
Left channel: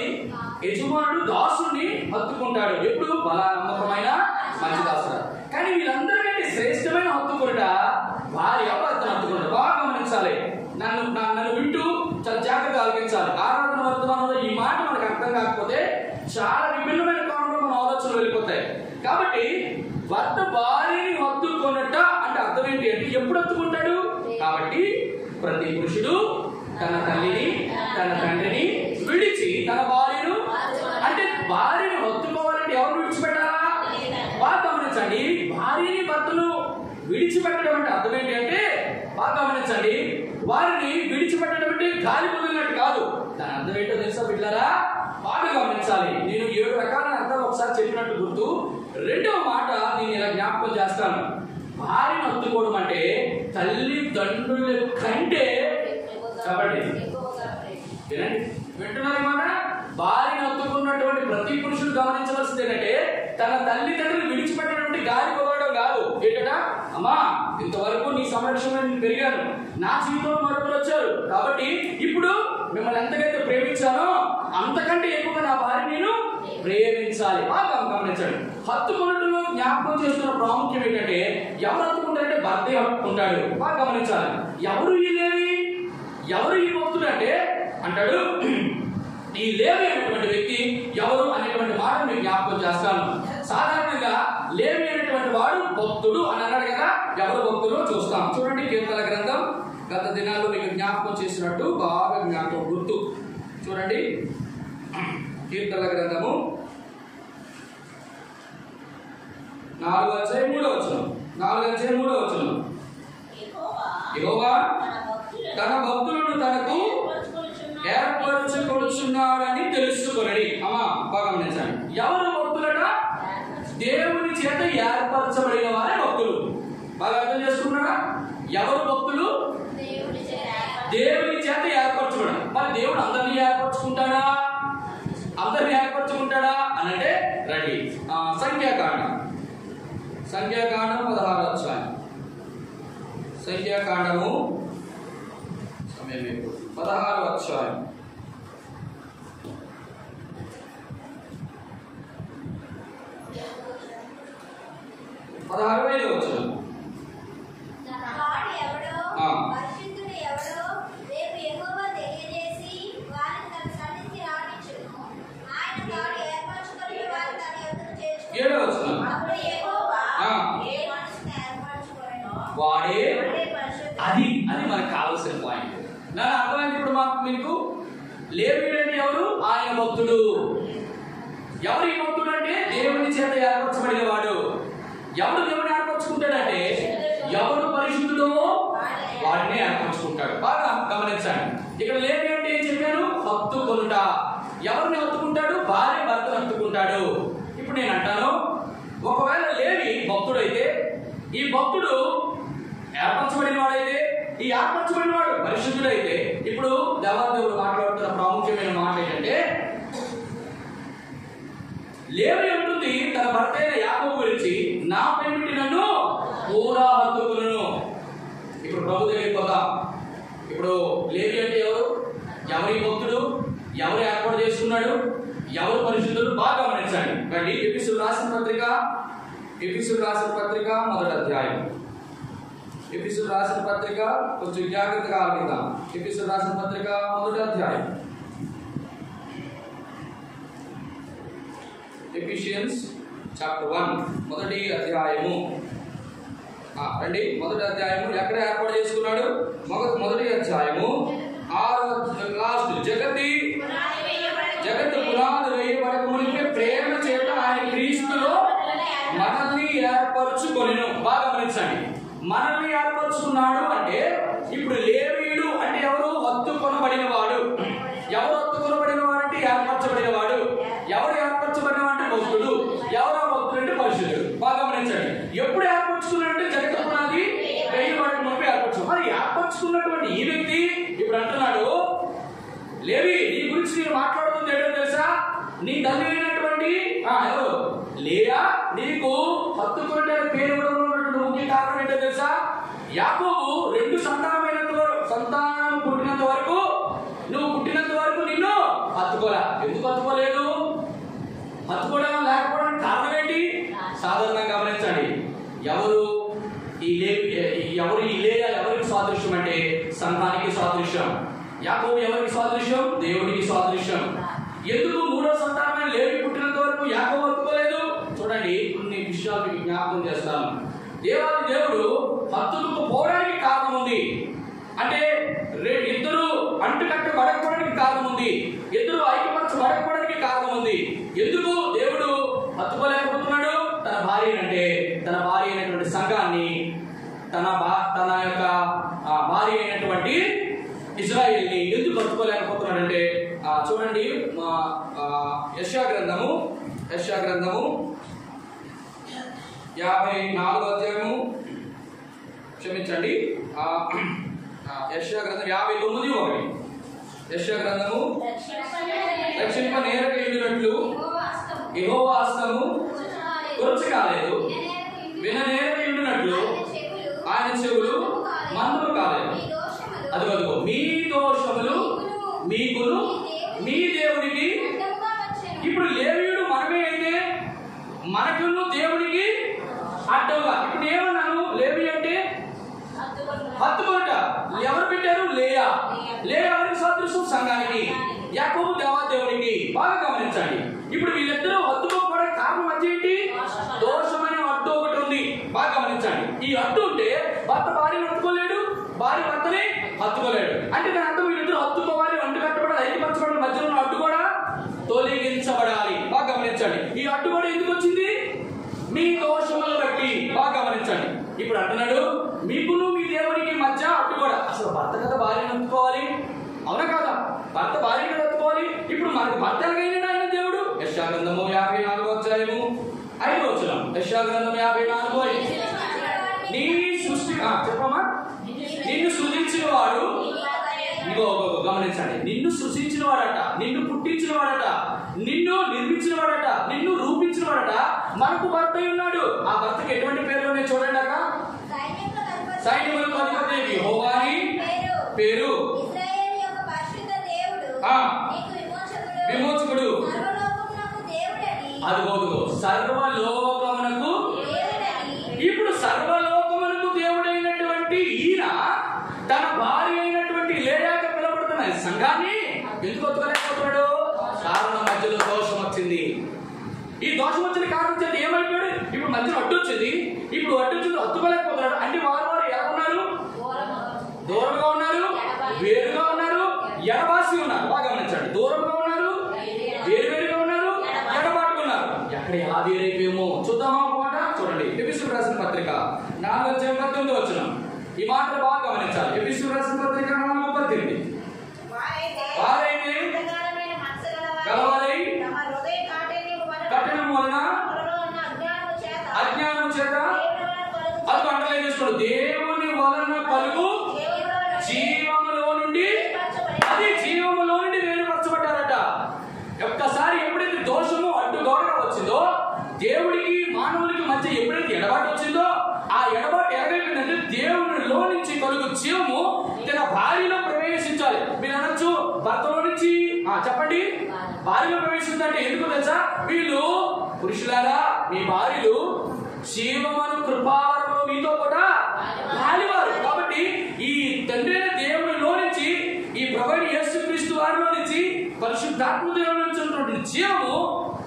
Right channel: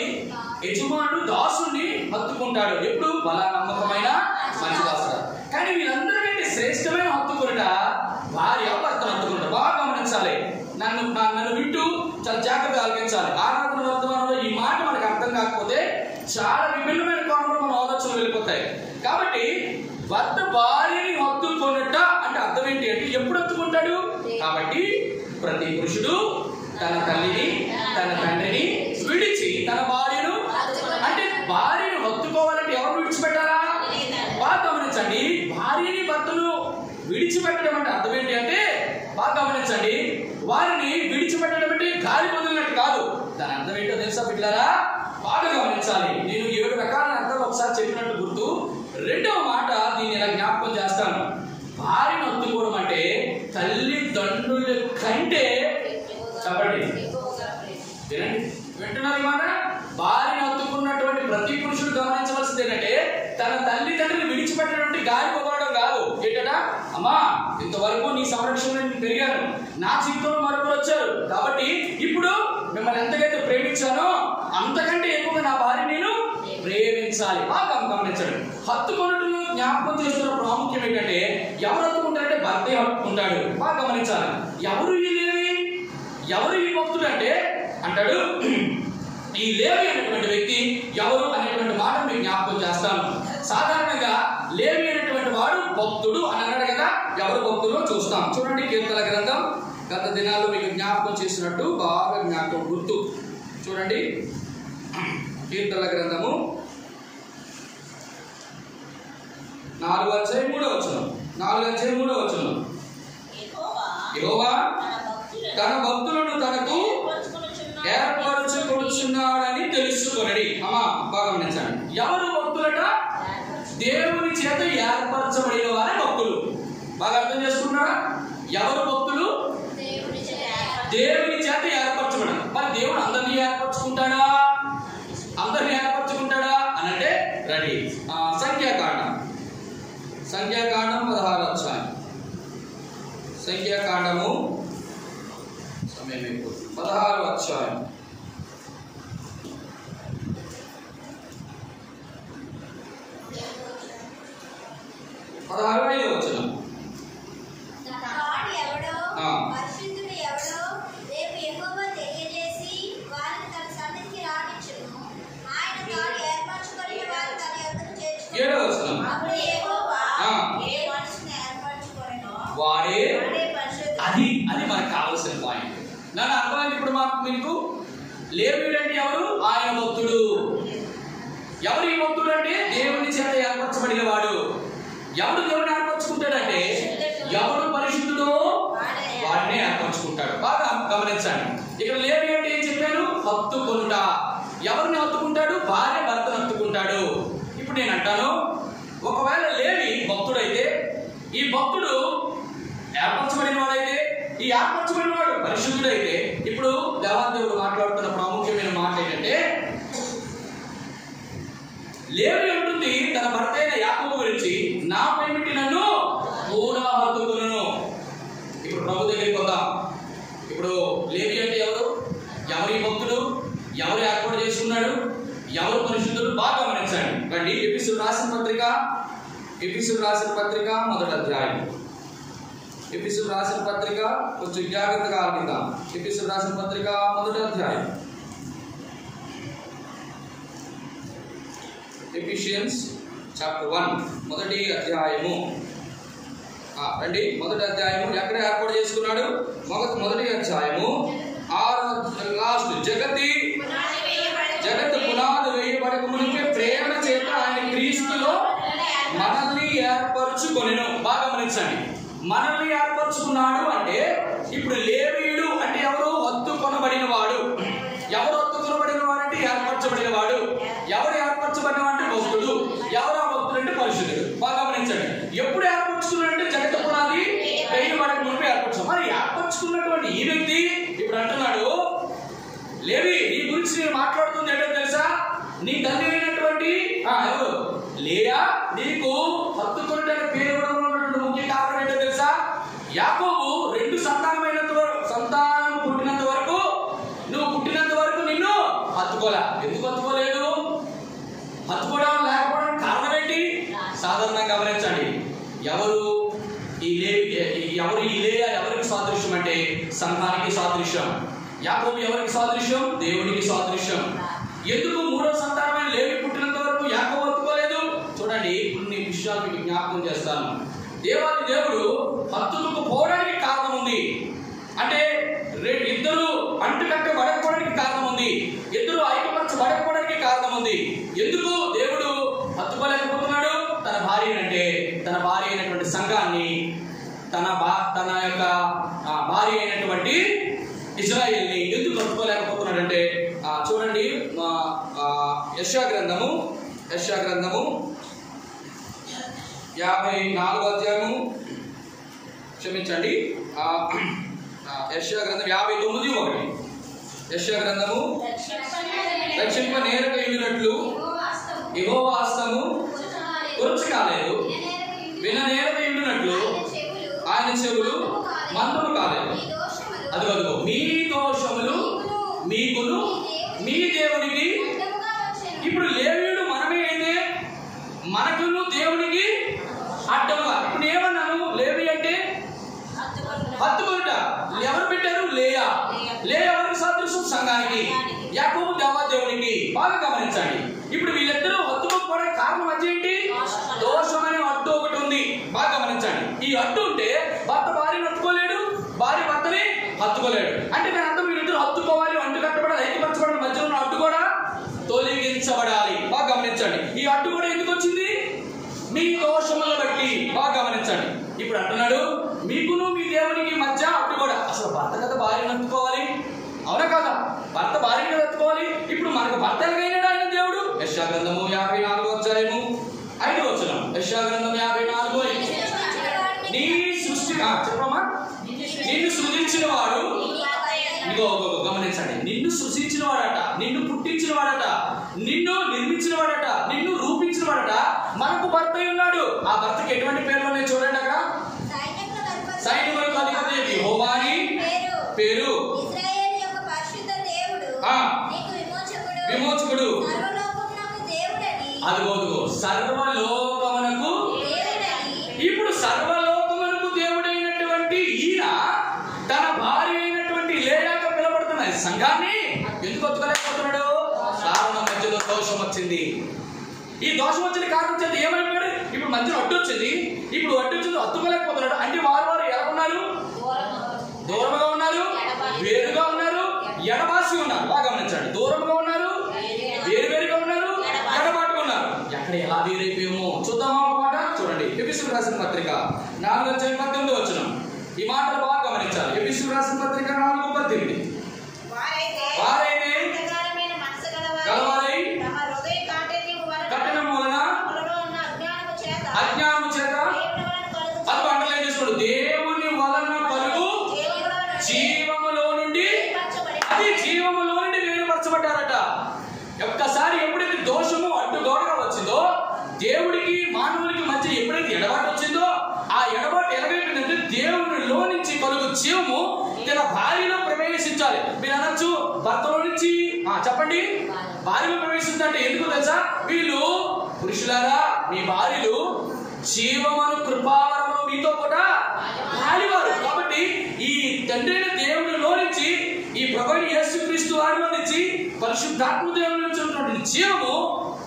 యజమానుడు దాసుని హత్తుకుంటాడు. ఎప్పుడు బల నమ్మకమైన మంచి దాసుడు. కానీ వీళ్ళందరికంటే శ్రేష్టమైన హత్తుకునుట భార్య భర్తను హత్తుకుంటారు. బాగా గమనించాలి. నన్ను వింటూ చాలా జాగ్రత్తగా ఆలకించాలి. ఆరాధన వర్తమానంలో ఈ మాట మనకు అర్థం కాకపోతే చాలా విభిన్నమైన కోణంలో మన ఆలోచనలు వెళ్ళిపోతాయి. కాబట్టి భర్త భార్యని హత్తుకొనుట అంటే అర్థం ఏంటి అంటే ఎప్పుడు హత్తుకుంటాడు? కాబట్టి ప్రతి పురుషుడు తన తల్లిని తన తండ్రిని విడిచి తన భార్యను అంటే భార్యను హత్తుకోవాలంటే ఎవరు విడిచిపెట్టాలా? బాగా గమనించండి. భార్యని భర్తను విడిచిపెట్టడం అంటే అర్థం ఏంటి అంటే బాగా గమనించండి. వారిని విడిచిపెట్టడం అంటే గాలి వదిలినట్టు కాదు. దాని అర్థం ఏంటో తెలుసా బిడ్డలారా? బాగా గమనించాలి. నేను 7 రకాల అర్థాలు ఒకసారి చెప్పినట్టు గుర్తు. రెండవ మాట దీన్ని ఇలా జ్ఞాపకం చేస్తాను. భార్యను హత్తుకోవడం అంటే తల్లిదండ్రుల కంటే చెప్పండి వినండి, వింటున్నారు ఈ మాట? భార్యను హత్తుకున్నటువంటి ప్రతి పురుషుడు గమనించవలసింది ఏంటంటే తన తల్లిదండ్రులు విడిచిపెట్టినటువంటి గాలి పొగడం కాదు. ఏంటట? అమ్మా ఇంతవరకు నీ సంరక్షణలో నేను పెరిగాను, నా జీవితంలో మరొకరు వచ్చారు కాబట్టి ఇప్పుడు మిమ్మల్ని ఎంతకైతే ప్రేమించానో అంతకంటే ఎక్కువగా నా భార్య నేను ప్రేమించాలి. బాగా గమనించండి. హత్తుకున్నట్లు జ్ఞాపకం చేస్తున్న ప్రాముఖ్యం ఏంటంటే ఎవరు హత్తుకుంటారంటే భర్తే హత్తుకుంటాడు. బాగా గమనించాలి. ఎవరు ఈ లేవి, ఎవరు ఈ భక్తుడు అంటే అంటాడు ఈ లేవి అనేటువంటి వ్యక్తి ఎవరు అనేటువంటి మాట మీకు జ్ఞాపకం చేస్తాను. సాధారణంగా లేవి అనేటువంటి వాడు భక్తుడు అని అన్నాడు కదా. ఎవరు భక్తులు చూస్తాం. చూడండి కీర్తనల గ్రంథం గత దినాల్లో మీకు జ్ఞాపకం చేసినట్టు బాగా జ్ఞాపకం గుర్తు. చూడండి కీర్తనల గ్రంథము 4:3 యెహోవా తన భక్తులను తనకు ఏర్పరచుకొనుచున్నాడని తెలుసుకొనడి. అమ్మా బాగా గమనించండి. ఎవరు భక్తులట? దేవుని చేత ఏర్పరచబడిన వారే భక్తులు. బాగా అర్థం చేసుకుంటున్నారా? ఎవరు భక్తులు? దేవుని చేత ఏర్పరచబడి. మరి దేవుడు అందరినీ ఏర్పరచుకుంటాడా? అందరినీ ఏర్పరచుకుంటాడా అని అంటే రెడీ. సంఖ్యాకాండం 16వ అధ్యాయం. సంఖ్యాకాండము సమయం 16వ అధ్యాయం 16వ వచనం. ఏడవ వచనం. వాడే అది మనకు కావాల్సిన పాయింట్. దాని అర్థమైంది ఇప్పుడు మీకు. లేవీయుడు అంటే ఎవరు? ఆయన భక్తుడు. ఎవరు ఈ భక్తుడు అంటే దేవుని చేత ఏర్పరచబడిన వాడు. ఎవడు దేవుని ఏర్పరచుకుంటాడంటే ఎవడు పరిశుద్ధుడో వాడినే ఏర్పరచుకుంటాడు. బాగా గమనించండి. ఇక్కడ లేవి అంటే ఏం చెప్పాను? హత్తుకొనుట. ఎవరిని హత్తుకుంటాడు? భార్య భర్తను హత్తుకుంటాడు. ఇప్పుడు నేను అంటాను, ఒకవేళ లేవి భక్తుడైతే, ఈ భక్తుడు ఏర్పరచబడిన వాడైతే, ఈ ఏర్పరచబడిన వాడు పరిశుద్ధుడైతే, ఇప్పుడు దేవాదేవుడు మాట్లాడుతున్న ప్రాముఖ్యమైన మాట ఏంటంటే, లేవి ఉంటుంది తన భర్త అయిన యాకోబు గురించి, నా ప్రేమిటి నన్ను కూడా హత్తుకొనును. ఇప్పుడు ప్రభు దగ్గరికి వద్దాం. ఇప్పుడు లేవి అంటే ఎవరు? ఎవరి భక్తుడు? ఎవరు ఏర్పాటు చేసుకున్నాడు? ఎవరు పరిశుద్ధుడు? బాగా గమనించండి. రండి, ఎఫెసీయులకు రాసిన పత్రిక మొదటి అధ్యాయం. ఎఫెసీయులకు రాసిన పత్రిక కొంచెం జాగ్రత్తగా ఆలకిద్దాం. ఎఫెసీయులకు రాసిన పత్రిక మొదటి అధ్యాయం. ఎఫిషియన్స్ చాప్టర్ 1 మొదటి అధ్యాయము. రండి, మొదటి అధ్యాయము ఎక్కడ ఏర్పాటు చేసుకున్నాడు? మొదటి అధ్యాయము 6వ లాస్ట్. జగత్తు పునాది వేయబడక మునిపే ప్రేమ చేత ఆయన క్రీస్తులో మనల్ని ఏర్పరచుకొనెను. బాగా గమనించండి. మనల్ని ఏర్పరచుకున్నాడు అంటే ఇప్పుడు లేవీయుడు అంటే ఎవరు? హత్తుకొనబడిన వాడు. ఎవరు హత్తుకొనబడిన వాడు అంటే ఏర్పరచబడిన వాడు. ఎవరు ఏర్పరచబడిన అంటే భక్తుడు. ఎవరు ఆ భక్తుడు అంటే పరిశుద్ధుడు. బాగా గమనించండి. ఎప్పుడు ఏర్పరచుకున్నాడంటే జగత్తు పునాది వేయబడక మునిపే ఏర్పరచు. మరి ఏర్పరచుకున్నటువంటి ఈ వ్యక్తి ఇప్పుడు అంటున్నాడు, లేవి నీ గురించి నేను మాట్లాడుతుంది ఏంటో తెలుసా? నీ తల్లి అయినటువంటి ఎవరు? లేయా నీకు హత్తుకొనడానికి పేరు ఇవ్వడం ముఖ్య కారణం ఏంటో తెలుసా? యాకోబు 2 సంతానం పుట్టినంత వరకు, నువ్వు పుట్టినంత వరకు నిన్ను హత్తుకోలే. ఎందుకు హత్తుకోలేదు? హత్తుకోవడం లేకపోవడానికి కారణం ఏంటి? సాధారణంగా గమనించండి. ఎవరు ఈ లేయా ఎవరికి సాదృశ్యం అంటే సంఘానికి సాదృశ్యం. యాకోబు ఎవరికి సాదృశ్యం? దేవునికి సాదృశ్యం. ఎందుకు 3వ సంతానమైన లేవి పుట్టినంత వరకు యాకోబు హత్తుకోలేదు? చూడండి, కొన్ని విషయాలు మీకు జ్ఞాపకం చేస్తాను. దేవాది దేవుడు హత్తుకుపోవడానికి కారణం ఉంది. అంటే ఇద్దరు అంటుకట్టబడకపోవడానికి కారణం ఉంది. ఇద్దరు ఐక్యపరచబడకపోవడానికి కారణం ఉంది. ఎందుకు దేవుడు హత్తుకోలేకపోతున్నాడు? తన భార్య అయినటువంటి సంఘాన్ని, తన యొక్క భార్య అయినటువంటి ఇజ్రాయేల్ని ఎందుకు హత్తుకోలేకపోతున్నాడంటే చూడండి, యెషయా గ్రంథము 54వ అధ్యాయము, క్షమించండి, యెషయా గ్రంథం 59:1. యెషయా గ్రంథము రక్షింప నేరక ఉండినట్లు యెహోవా హస్తము కురచకాలేదు, విన నేరక ఉండినట్లు ఆయన చెవులు మందము కాలేదు. అదిగో మీ దోషములు మీకును మీ దేవునికి. ఇప్పుడు లేవీయుడు మనమే అయితే మనకును దేవునికి అడ్డంగా. ఇప్పుడు ఏమన్నాను? లేవి అంటే హత్తుకొనుట. ఎవరు పెట్టారు? లేయా ఎవరికి సాదృశ్యం? సంఘానికి. యాకోబు దేవాదేవునికి. బాగా గమనించండి. ఇప్పుడు వీళ్ళిద్దరూ హత్తుకోకపోవడానికి కారణం మధ్య ఏంటి? దోషం అనే అడ్డు ఒకటి ఉంది. బాగా గమనించండి. ఈ అడ్డు ఉంటే భర్త భార్యను హత్తుకోలేడు, భార్య భర్తని హత్తుకోలేడు. అంటే దాని అర్థం వీళ్ళిద్దరూ హత్తుకోవాలి, అంటు కట్టబడాలి, ఐక్యపరచబడిన మధ్యలో ఉన్న అడ్డు కూడా తొలగించబడాలి. బాగా గమనించండి. ఈ అడ్డు కూడా ఎందుకు వచ్చింది? మీ దోషములను బట్టి. బాగా గమనించండి. ఇప్పుడు అంటున్నాడు, మీకును మీ దేవునికి మధ్య అడ్డు కూడా. అసలు భర్త కదా భార్యను హత్తుకోవాలి, అవునా కదా? భర్త భార్యను కదా హత్తుకోవాలి. ఇప్పుడు మనకు భర్త ఎలాగైనా ఆయన దేవుడు. యెషయా గ్రంథము 54వ అధ్యాయము 5వ వచనం. యెషయా గ్రంథం 54:5. నీ సృష్టి చెప్పమ్మా. నిన్ను సృజించిన వాడు, గమనించండి, నిన్ను సృజించిన వాడట, నిన్ను పుట్టించిన వాడట, నిన్ను నిర్మించిన వాడట, నిన్ను రూపించిన వాడట, మనకు భర్త ఉన్నాడు. ఆ భర్తకి ఎటువంటి పేర్లు ఉన్నాయి చూడండి. అక్కడ సైన్యములకు అధిపతి యెహోవా అని పేరు, విమోచకుడు. అదిగో సర్వలోకమునకు. సర్వలోకమునకు దేవుడైనటువంటి ఈయన తన భార్య అయినటువంటి లేయాగా పిలబడుతున్న సంఘాన్ని ఎందుకు ఒత్తుకోలేకపోతున్నాడు? కారణం మధ్యలో దోషం వచ్చింది. ఈ దోషం వచ్చిన కారణం చేత ఏమైపోయాడు? ఇప్పుడు మధ్యలో అడ్డు వచ్చింది. ఇప్పుడు అడ్డు వచ్చింది, ఒత్తుకోలేకపోతున్నాడు. అంటే వారు ఎలా ఉన్నారు? దూరంగా ఉన్నారు, వేరుగా ఉన్నారు, ఎడబాసి ఉన్నారు. బాగా గమనించండి. దూరంగా ఉన్నారు, వేరుగా ఉన్నారు, ఎడబాటుగా ఉన్నారు. ఎక్కడ ఎలా వేరైపోయామో చూద్దామా ఒక మాట. చూడండి, ఎఫెసీయులకు రాసిన పత్రిక 4:18 ఈ మాటలు బాగా గమనించాలి. ఎఫెసీయులకు రాసిన పత్రిక 4:18 వారైతే గలవారై కఠినం వలన అజ్ఞానము చేత అది అండర్లైన్ చేసుకోండి. దేవుని వలన కలుగు జీవములో నుండి, అది జీవములో నుండి వేరుపరచబడ్డారట. ఒక్కసారి ఎప్పుడైతే దోషము అడ్డుగోడగా వచ్చిందో, దేవుడికి మానవులకి మధ్య ఎప్పుడైతే ఎడబాటు వచ్చిందో, ఆ ఎడబాటు ఎలాగైపోయిందంటే దేవునిలో నుంచి కలుగు జీవము తన భార్యలో ప్రవేశించాలి. మీరు అనొచ్చు, భర్తలో నుంచి చెప్పండి భార్యలో ప్రవేశించాలంటే ఎందుకు తెలుసా? వీళ్ళు పురుషులారా, మీ భార్యలు జీవమను కృపావరమును మీతో కూడా రాలివారు. కాబట్టి ఈ తండ్రి అయిన దేవునిలో నుంచి, ఈ ప్రభువైన యేసుక్రీస్తు వారిలో నుంచి, పరిశుద్ధాత్మ దేవుని నుంచి ఉన్నటువంటి జీవము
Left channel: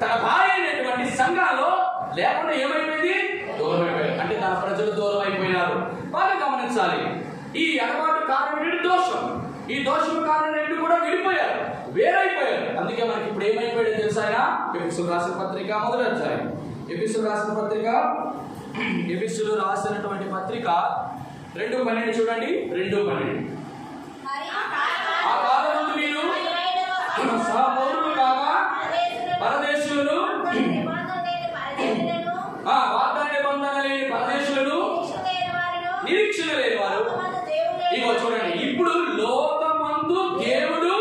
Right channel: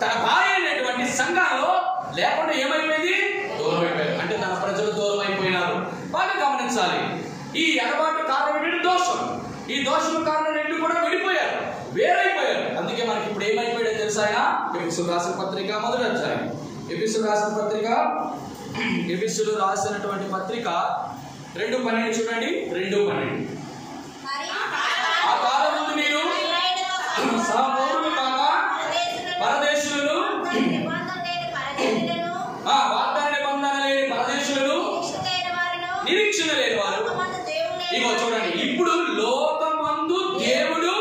తన భార్య అయినటువంటి సంఘాల్లో లేకుండా ఏమైపోయింది? దూరం అయిపోయారు. అంటే తన ప్రజలు దూరం అయిపోయినారు. బాగా గమనించాలి. ఈ ఎడబాటు కారణం ఏంటంటే దోషం. ఈ దోషం కారణం ఏంటి కూడా విడిపోయారు, వేరైపోయారు. అందుకే మనకి ఇప్పుడు ఏమైపోయాడో తెలుసా? ఆయన ఎఫెసీయులకు రాసిన పత్రిక 1వ అధ్యాయం. ఎఫెసీయులకు రాసిన పత్రిక, ఎఫెసీయులు రాసినటువంటి పత్రిక 2:12 చూడండి. 2:12 ఆ కాలం ముందు మీరు సహపౌరులు కాక పరదేశులను, వాగ్దాన నిబంధన లేని పరదేశులను, నిరీక్షణ లేని వారు. ఇగో చూడండి, ఇప్పుడు లోకమందు దేవుడు,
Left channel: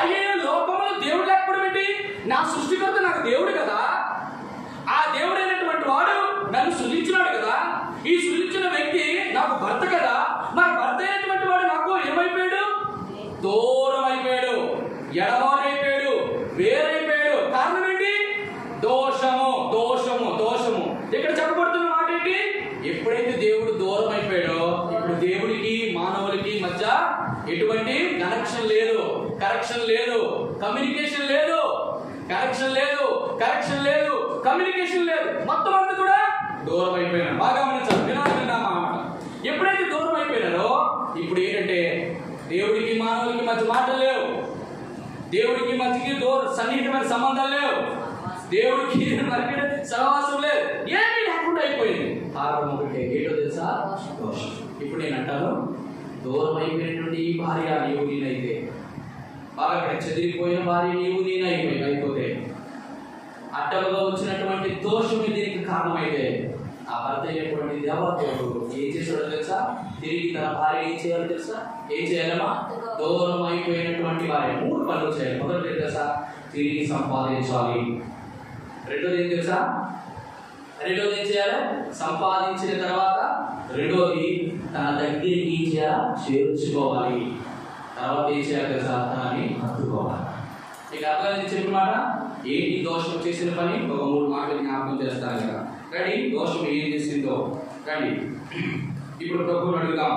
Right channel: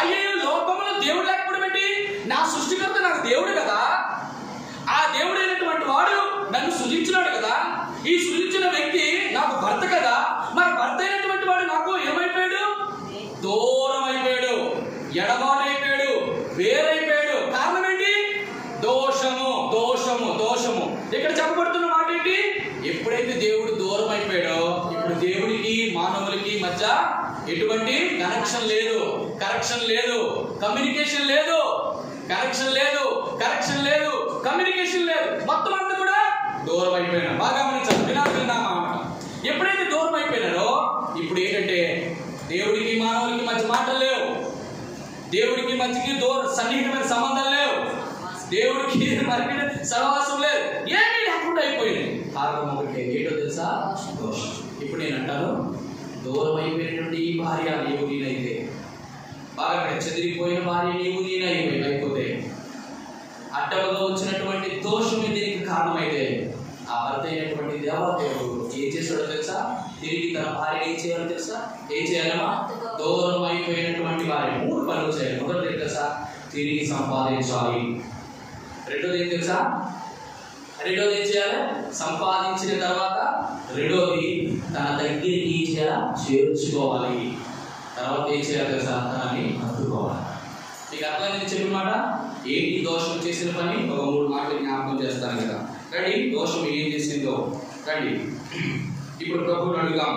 అయ్యో లోకములో దేవుడు లేకపోవడం ఏంటి? నా సృష్టికర్త నాకు దేవుడు కదా. ఆ దేవుడైనటువంటి వాడు నన్ను సృజించినాడు కదా. ఈ సృజించిన వ్యక్తి నాకు భర్త కదా. మరి భర్త అయినటువంటి వాడు నాకు ఏమైపోయాడు? దూరం అయిపోయాడు, ఎడబాటు అయిపోయాడు, వేరైపోయాడు. కారణం ఏంటి? దోషము, దోషము, దోషము. ఇక్కడ చెప్పబడుతున్న మాట ఏంటి? ఎప్పుడైతే దేవుడు దూరం అయిపోయాడో, ఇప్పుడు దేవుడికి మానవులకి మధ్య ఎటువంటి కనెక్షన్ లేదు, కరెక్షన్ లేదు, కమ్యూనికేషన్ లేదు, కనెక్షన్ లేదు, కరెక్షన్ లేదు, కమ్యూనికేషన్ లేదు. మొత్తం అంతా కూడా దూరం అయిపోయినా. బాగా గమనించాలి. విన్నామా అన్నమాట. ఎప్పుడైతే దూరం అయిపోయినారో, ఇప్పుడు ఏంటంటే దేవుడికి మానవులకి మధ్య మాటలు లేవు, దేవుడికి మధ్యకి సన్నిహితమైన సంబంధాలు లేవు, దేవుడికి మనకి సహవాసం లేదు, ఏమీ లేకుండా అయిపోయింది. కారణం ఒకటి ఏంటో తెలుసా? దోషం. ఇప్పుడు నేను అంటాను, దూరం అయిపోయినటువంటి ఈ భార్య నీవు నేనైతే, బాగా చెదిరిపోయిన భార్య నీవు నేనైపోతే, అడ్డముగా వచ్చినటువంటి దోషమే దీనికి కారణమైతే, ఆ భర్త అయినటువంటి దేవదేవుడు ఏం చేశాడో తెలుసా? తిరిగి తన భార్య ఏం చేయాలో తెలుసా? ఏం చేయాలమ్మా? దూరం అయిపోయినటువంటి భార్య 3 పనులు చేయాలి. మొదటి తెలుసా? తిరిగి సంపాదించాలి. రెండోది ఏం తెలుసా? రెండోది ఏం చేయాలి? సంపాదించిన తర్వాత రెండోది తన దగ్గరికి చేర్చుకోవాలి. తర్వాత ఏం చేయాలి తెలుసా? తనని హత్తుకోవాలి. మీకు అర్థమైంది చెప్పిన మాట? ఏంటి దోషం చేసిన పని? ఒక 3 మాటలు జ్ఞాపకం చేస్తాను కదా. రండి, దోషం ఏం చేసిందో రండి ఇప్పుడు ప్రభువుని అడుగుదాం.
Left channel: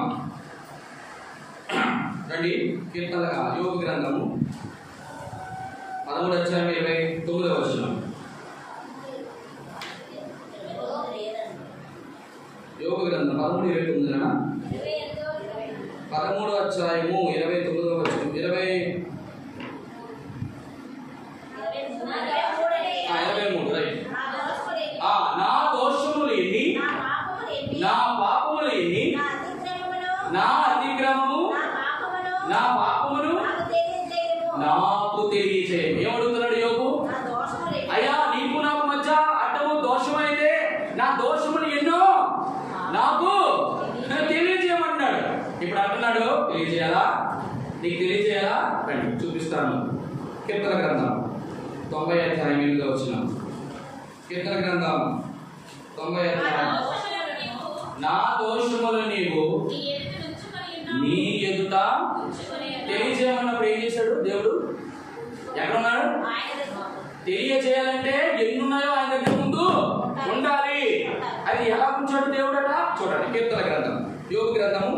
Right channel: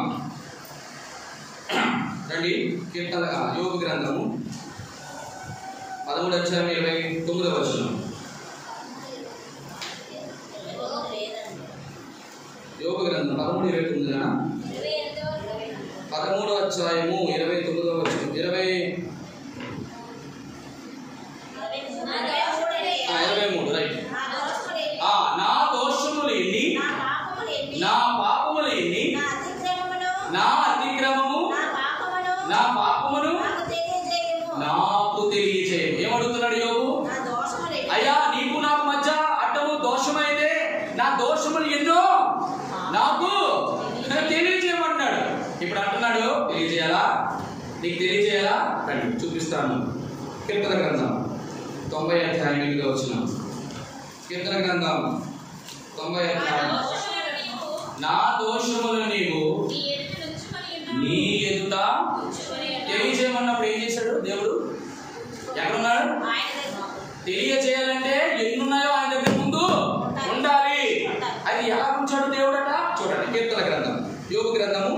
రండి, యోగ గ్రంథము 13:29. యోగ గ్రంథం 13:29 13:29 23 రైట్. నా దోషములు ఎన్ని, నా పాపములు ఎన్ని, నా అతిక్రమము, నా పాపమును నాకు తెలియచేయము. ఏమడుగుతున్నాడు యోగు? అయ్యా, నీకు నాకు మధ్య అడ్డము దోషమైతే నా దోషములు ఎన్నో నాకు తెలియజేయమంటున్నాడు. ఇప్పుడు అంటున్నాడు, తెలియజేయాలా? నీకు తెలియజేయాలా? రండి చూపిస్తాను. కీర్తన గ్రంథం 90:8 కీర్తన గ్రంథం 90. నా దోషములు నీవు నీ ఎదుట తెలియజేయమన్నప్పుడు ఏం చేశాడు దేవుడు? ఎక్కడున్నాడు? తెలియజేయాలంటే ఎన్నున్నాయో ఆయన దగ్గర ముందు ఉండాలి. అది ఎలా ఉంచాడు దేవుడట చూడండి. కీర్తన గ్రంథం యోబు గ్రంథము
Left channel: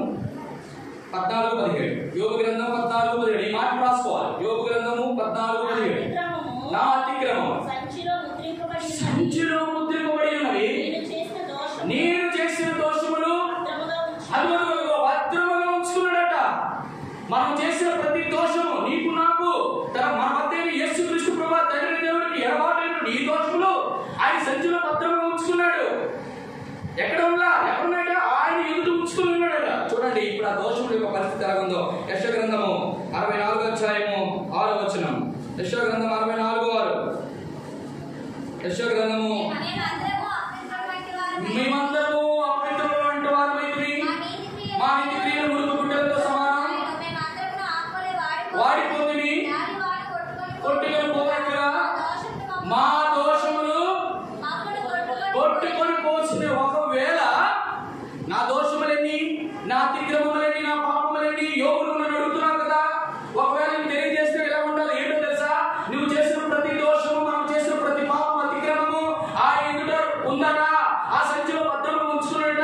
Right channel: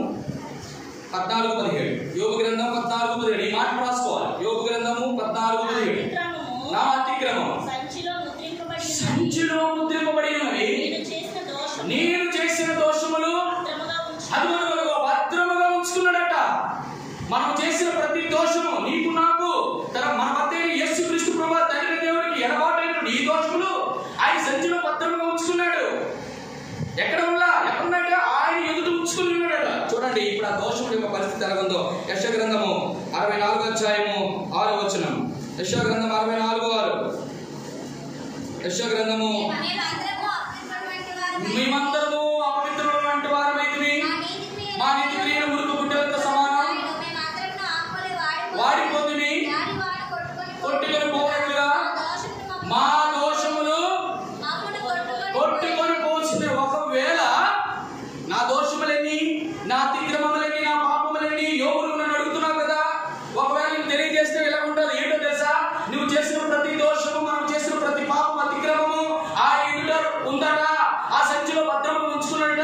14:17. యోబు గ్రంథం 14:17. ఈ మాట రాసుకోవాలి. యోబు గ్రంథము 14:17. నా అతిక్రమం సంచిలో ముద్రింపబడి ఉన్నవి, నేను చేసిన దోషములు అదుగో భద్రముగా ఉంచుకున్నాడట. మనం చేసిన ప్రతి దోషము నీకు నాకు మన భర్త అయిన యేసుక్రీస్తు ప్రభువు తండ్రి దేవుడికి ఎడబాటైనటువంటి ఈ దోషములు ఆయన సంచిలో భద్రముగా ఉంచుకున్నాడు. ఎక్కడున్నాడట? ఆయన ఎదుట ఉంచుకుని ఉన్నాడట. చూడండి ఇప్పుడు ఆ దోషముల యొక్క పరిస్థితి ఎలా ఉందో. యెషయా గ్రంథము 64:6. యెషయా గ్రంథం 64:6. యెషయా గ్రంథము మేమందరము అపవిత్రుల వంటి వారమైతిమి, మా నీతి క్రియలు మురుగు గుడ్డలతో సమానం, వాడిపోతుంది కొట్టుకొని పోయినట్లుగా మా దోషములు కొట్టుకొని పోతుంది. ఒకవేళ నా దోషములన్నీ, నా అతిక్రమములన్నీ, నా పాపములన్నీ యోగులు నన్ను అడుగుతున్నావు కదా, ఒకవేళ నువ్వు తెలియజేస్తే ఎలా ఉండాలి? ఏంటో తెలుసా? నువ్వు చేసిన ప్రతి దోషము, మనం చేసిన ప్రతి పాపం, అతిక్రమము ఆయన ఎదుట ఉందట, ఆ సంచిలో భద్రముగా ఉంచుకున్నాడట.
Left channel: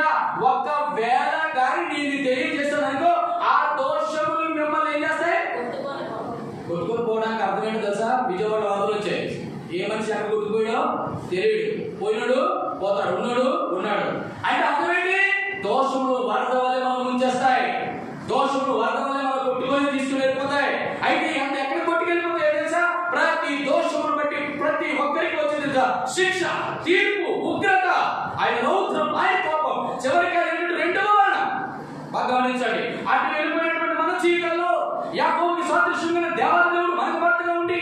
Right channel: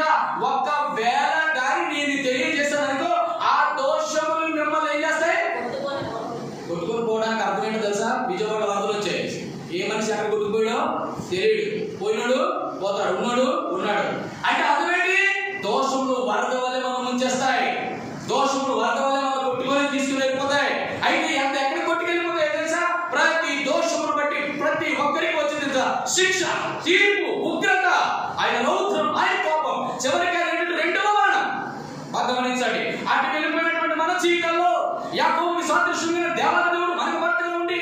ఒకవేళ కానీ నేను తెలియజేస్తాననుకో ఆ దోషములు మిమ్మల్ని ఏం చేస్తాయి? కొట్టుకొని పోవడానికి అర్థం ఏంటో తెలుసా? విజయవాడలో వరదలు వచ్చాయి. ఏ మనిషి ఎక్కడ కొట్టుకుపోయాడో తెలియడు, పోయినాడు పోతాడు, ఉన్నాడు ఉన్నాడు. అంటే అర్థమేంటి? దోషములు వరద వల్లే మనం ముంచేస్తాయి, దోషములు వరద వల్లే మనం కొట్టుకొని తీసుకుని వెళ్ళిపోతాయి. అయితే అంత ఎక్కడ కొట్టుకెళ్ళిపోతాయి తెలుసా? ప్రతి దోషమును బట్టి ప్రతి ఒక్కరికి వచ్చింది తెలుసా? శిక్ష, తీర్పు, ఉగ్రత, ఆయన రౌద్రం, ఆయన కోపం, చివరికి రెండవ బాణం. బాగా గమనించండి. అటు వెళ్ళిపోయినటువంటి మన జీవితంలో యాకోబుకి సాదృశ్యమైన దేవాలయుడు మనకు భర్తగా ఉండి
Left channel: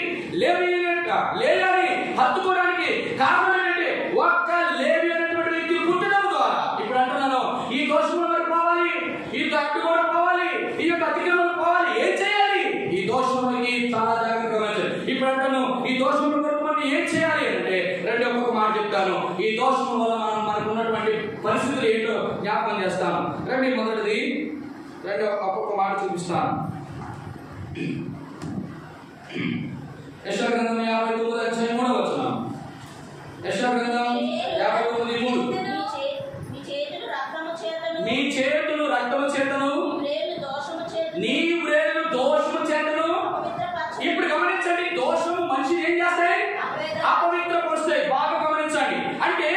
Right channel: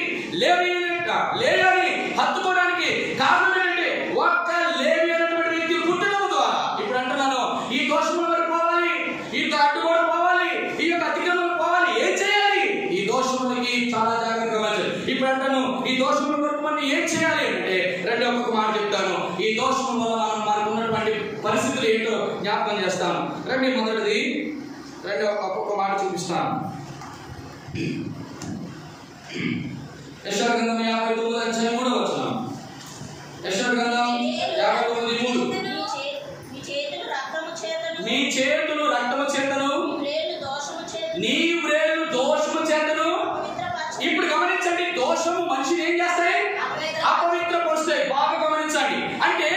లేయాని హత్తుకోవడానికి కారణం ఏంటంటే ఒక్క లేవి అనేటువంటి వ్యక్తి పుట్టడం ద్వారా. ఇప్పుడు అంటున్నాను, ఈ దోషముల వరకు పోవాలి, ఈ అడ్డు కూడా పోవాలి, ఈ యొక్క అతిక్రమం పోవాలి. ఏం చేయాలి? ఈ దోషములకి చాలా జాగ్రత్తగా గమనించాలి. ఇప్పుడు అంటాను, ఈ దోషముల వరకు మనం ఏం చేయాలి అంటే రెండు ఒక్కొక్క మాట చెప్తాను. ఈ దోషముల వల్ల మనకు ఉన్నటువంటి పరిస్థితులు ఏంటో జ్ఞాపకం చేస్తాను. మొదటిది ఒక్కొక్క మాట చూపిస్తాను. యెషయా గ్రంథం 59:3. యెషయా గ్రంథం 59:3. నీ చేతులు రక్తము చేతను, నీ వ్రేళ్ళు దోషము చేతను. ఇప్పుడు గమనించండి, దోషము మనిషిని ఏం చేస్తాయి? అపవిత్రపరుస్తాయి. బాగా గమనించండి. అంటే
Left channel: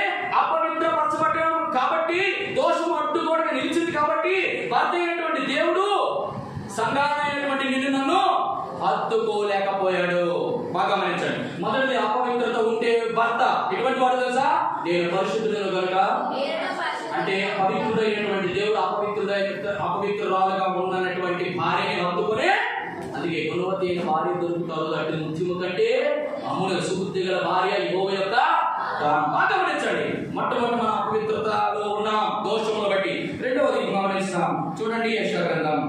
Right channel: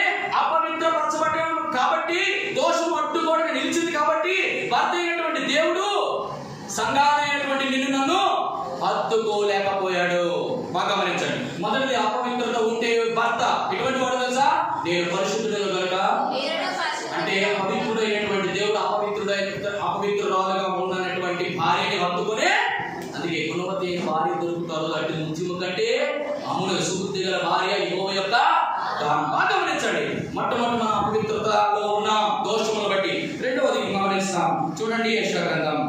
అపవిత్రపరచబడ్డాం కాబట్టి, దోషం అడ్డుకోవడానికి నిలిచింది కాబట్టి, భర్త అయినటువంటి దేవుడు సంఘాలైనటువంటి నిన్ను నన్ను హత్తుకోలేకపోయాడు. బాగా గమనించండి. మొదటిది అపవిత్రత ఉంటే భర్త ఎటువంటి వాడు తెలుసా? నేను పరిశుద్ధుడు కనుక, అంటే పవిత్రుడైనటువంటి దేవుడు అపవిత్రురాలుగా ఉన్నటువంటి భార్యని హత్తుకునే, అందుకే గుణవతి అయిన భార్య దొరుకుతారు అటు ముత్యము కంటే అమ్ముడు సుబుద్ధి గల భార్య యెహోవా యొక్క. బాగా గమనించండి. మొట్టమొదటి మనం అపవిత్రతలో ఉన్న దోషములను బట్టి. రెండవది గమనిస్తాం. చూడండి యెషయా గ్రంథం,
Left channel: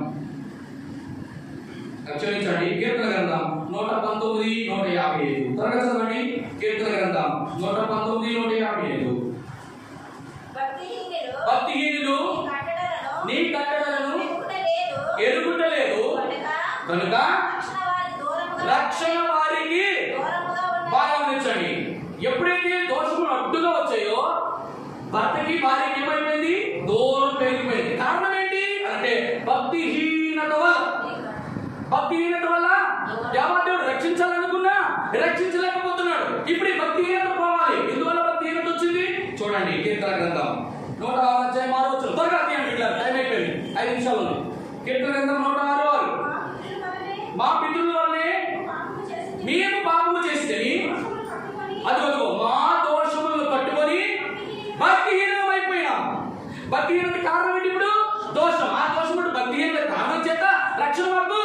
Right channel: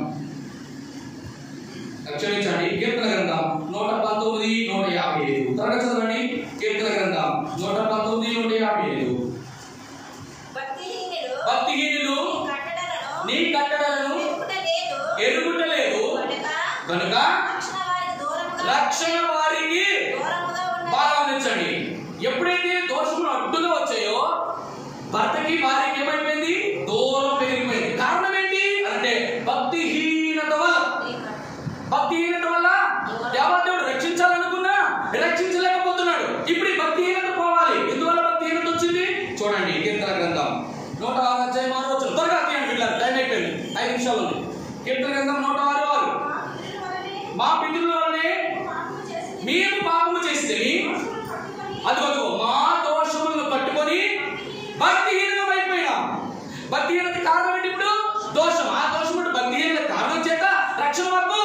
క్షమించండి, కీర్తన గ్రంథం 119:155. త్వరగా చదవండి. కీర్తన గ్రంథం 119:155. భక్తిహీనులు నీ కట్టడలను ఎరుగుటలేదు కనుక రక్షణ వారికి. బాగా గమనించండి. ఎప్పుడైతే దోషములు అడ్డుగా వచ్చాయో భర్తకి భార్యకి ఏమైపోయింది? దూరం పెరిగిపోయింది. కారణం ఏంటి అంటే భక్తిహీనత వల్ల. భక్తిహీనత వల్ల దేవదేవుడు రక్షించాలనుకున్నా రక్షించలేకపోతున్నాడు. ఇప్పుడు ఈ భక్తిహీనత పోవాలి. ఎందువల్ల భక్తిహీనత వచ్చింది? చూడండి కీర్తన గ్రంథం 106:6. త్వరగా తీయండి, ఇలా టైం అయిపోయింది, 5 నిమిషాలు ఉంది. కీర్తన గ్రంథం 106:6. మా పితరుల వల్లనే మేము పాపము చేస్తే అదిగో మా దోషములను కట్టుకొని భక్తిహీనం అయిపోయినాం. భక్తిహీనత కారణం ఏంటి? ఇప్పుడు దోషం. ఆ దోషం భక్తిహీనత కారణం చేత రక్షణ మాకు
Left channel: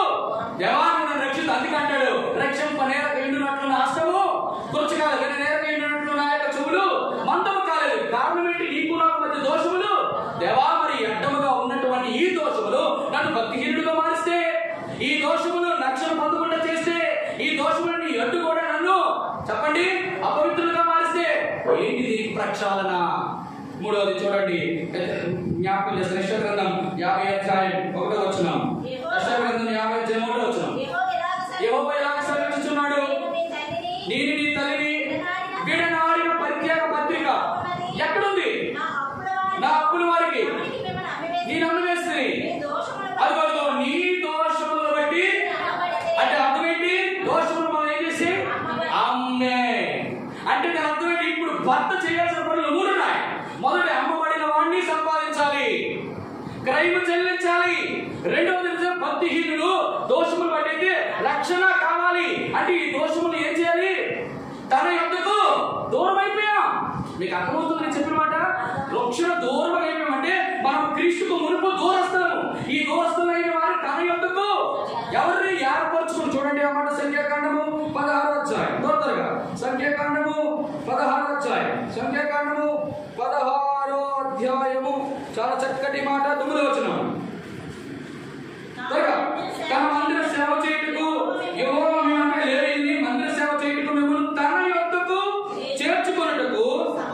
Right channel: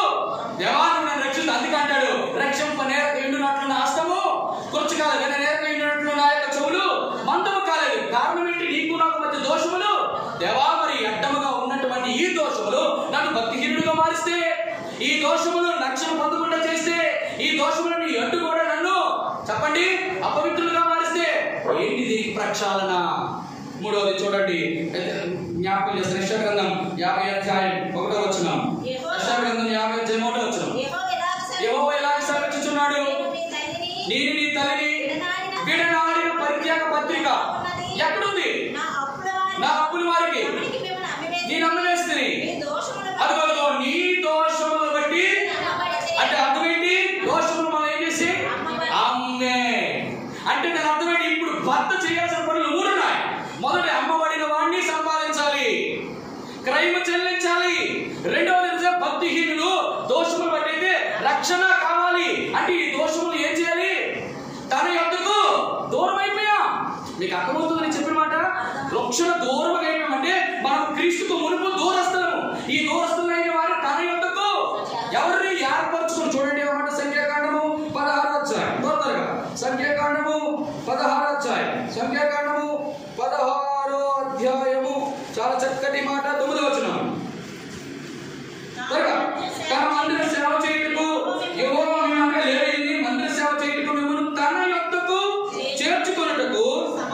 దేవాన్ని నన్ను రక్షించు. అందుకే అంటాడు, రక్షింప నేరకు ఎండునట్లు నా హస్తము కూర్చకాలి, కానీ నేరకు ఎండినట్లు నా యొక్క చెవులు మందము కాలేదు. కారణం ఏంటి? నీకు నాకు మధ్య దోషములు. దేవా, మరి అడ్డముగా ఉన్నటువంటి ఈ దోషములు నన్ను భక్తిహీనుడుగా మారిస్తే, ఈ దోషములు రక్షణ పొందకుండా చేస్తే, ఈ దోషములను అడ్డు కూడా నన్ను చెప్పండి అపవిత్రులుగా మారిస్తే ఏంటి దీనికి ప్రక్షాళన? మూడవది చూడండి, జ్ఞాపకం చేస్తాను. యెషయా గ్రంథం 50:1. యెషయా గ్రంథం 50:1. యెహోవా ఎలాగ సెలవిస్తున్నాడు? నేను నీ తల్లిని విడనాడిన పరిత్యాగ పత్రిక భర్త చేయాల్సిన పనులు 3 ఉన్నాయి. మొదటి, అమ్మబడిన వాడిని సంపాదించాలి, క్రైమ్ చెల్లించాలి. రెండవది, భక్తిహీనులు దోషములు బట్టి రక్షణ కావాలి. అంటే ఈ దోషములు ఏం చేయాలి? తన యొద్దకు దూరం అయిపోయాం. మీకు అర్థమవుతుంది నేను చెప్పిన మాట? రక్షణ దూరం అయిపోయామంటే మనం క్రీస్తుకు మునుపు దూరస్థలము. ఈ దూరస్థులైన వారు తన యొద్దకు ఎవరిని ఏర్పరచుకుని, చూడండి అన్నమాట. సంఖ్యాకాండము 16వ అధ్యాయం, త్వరగా సంఖ్యాకాండము 16వ అధ్యాయం, సంఖ్యాకాండము 16వ అధ్యాయము, చాలా చక్కటి మాట, 9వ వచనం. త్వరగా, తన మందిర సేవ చేయుటకు యెహోవా లేవీయుల్ని మందిర సేవ చేయుటకు మిమ్మల్ని తన యొద్దకు చేర్చుకొనుటకు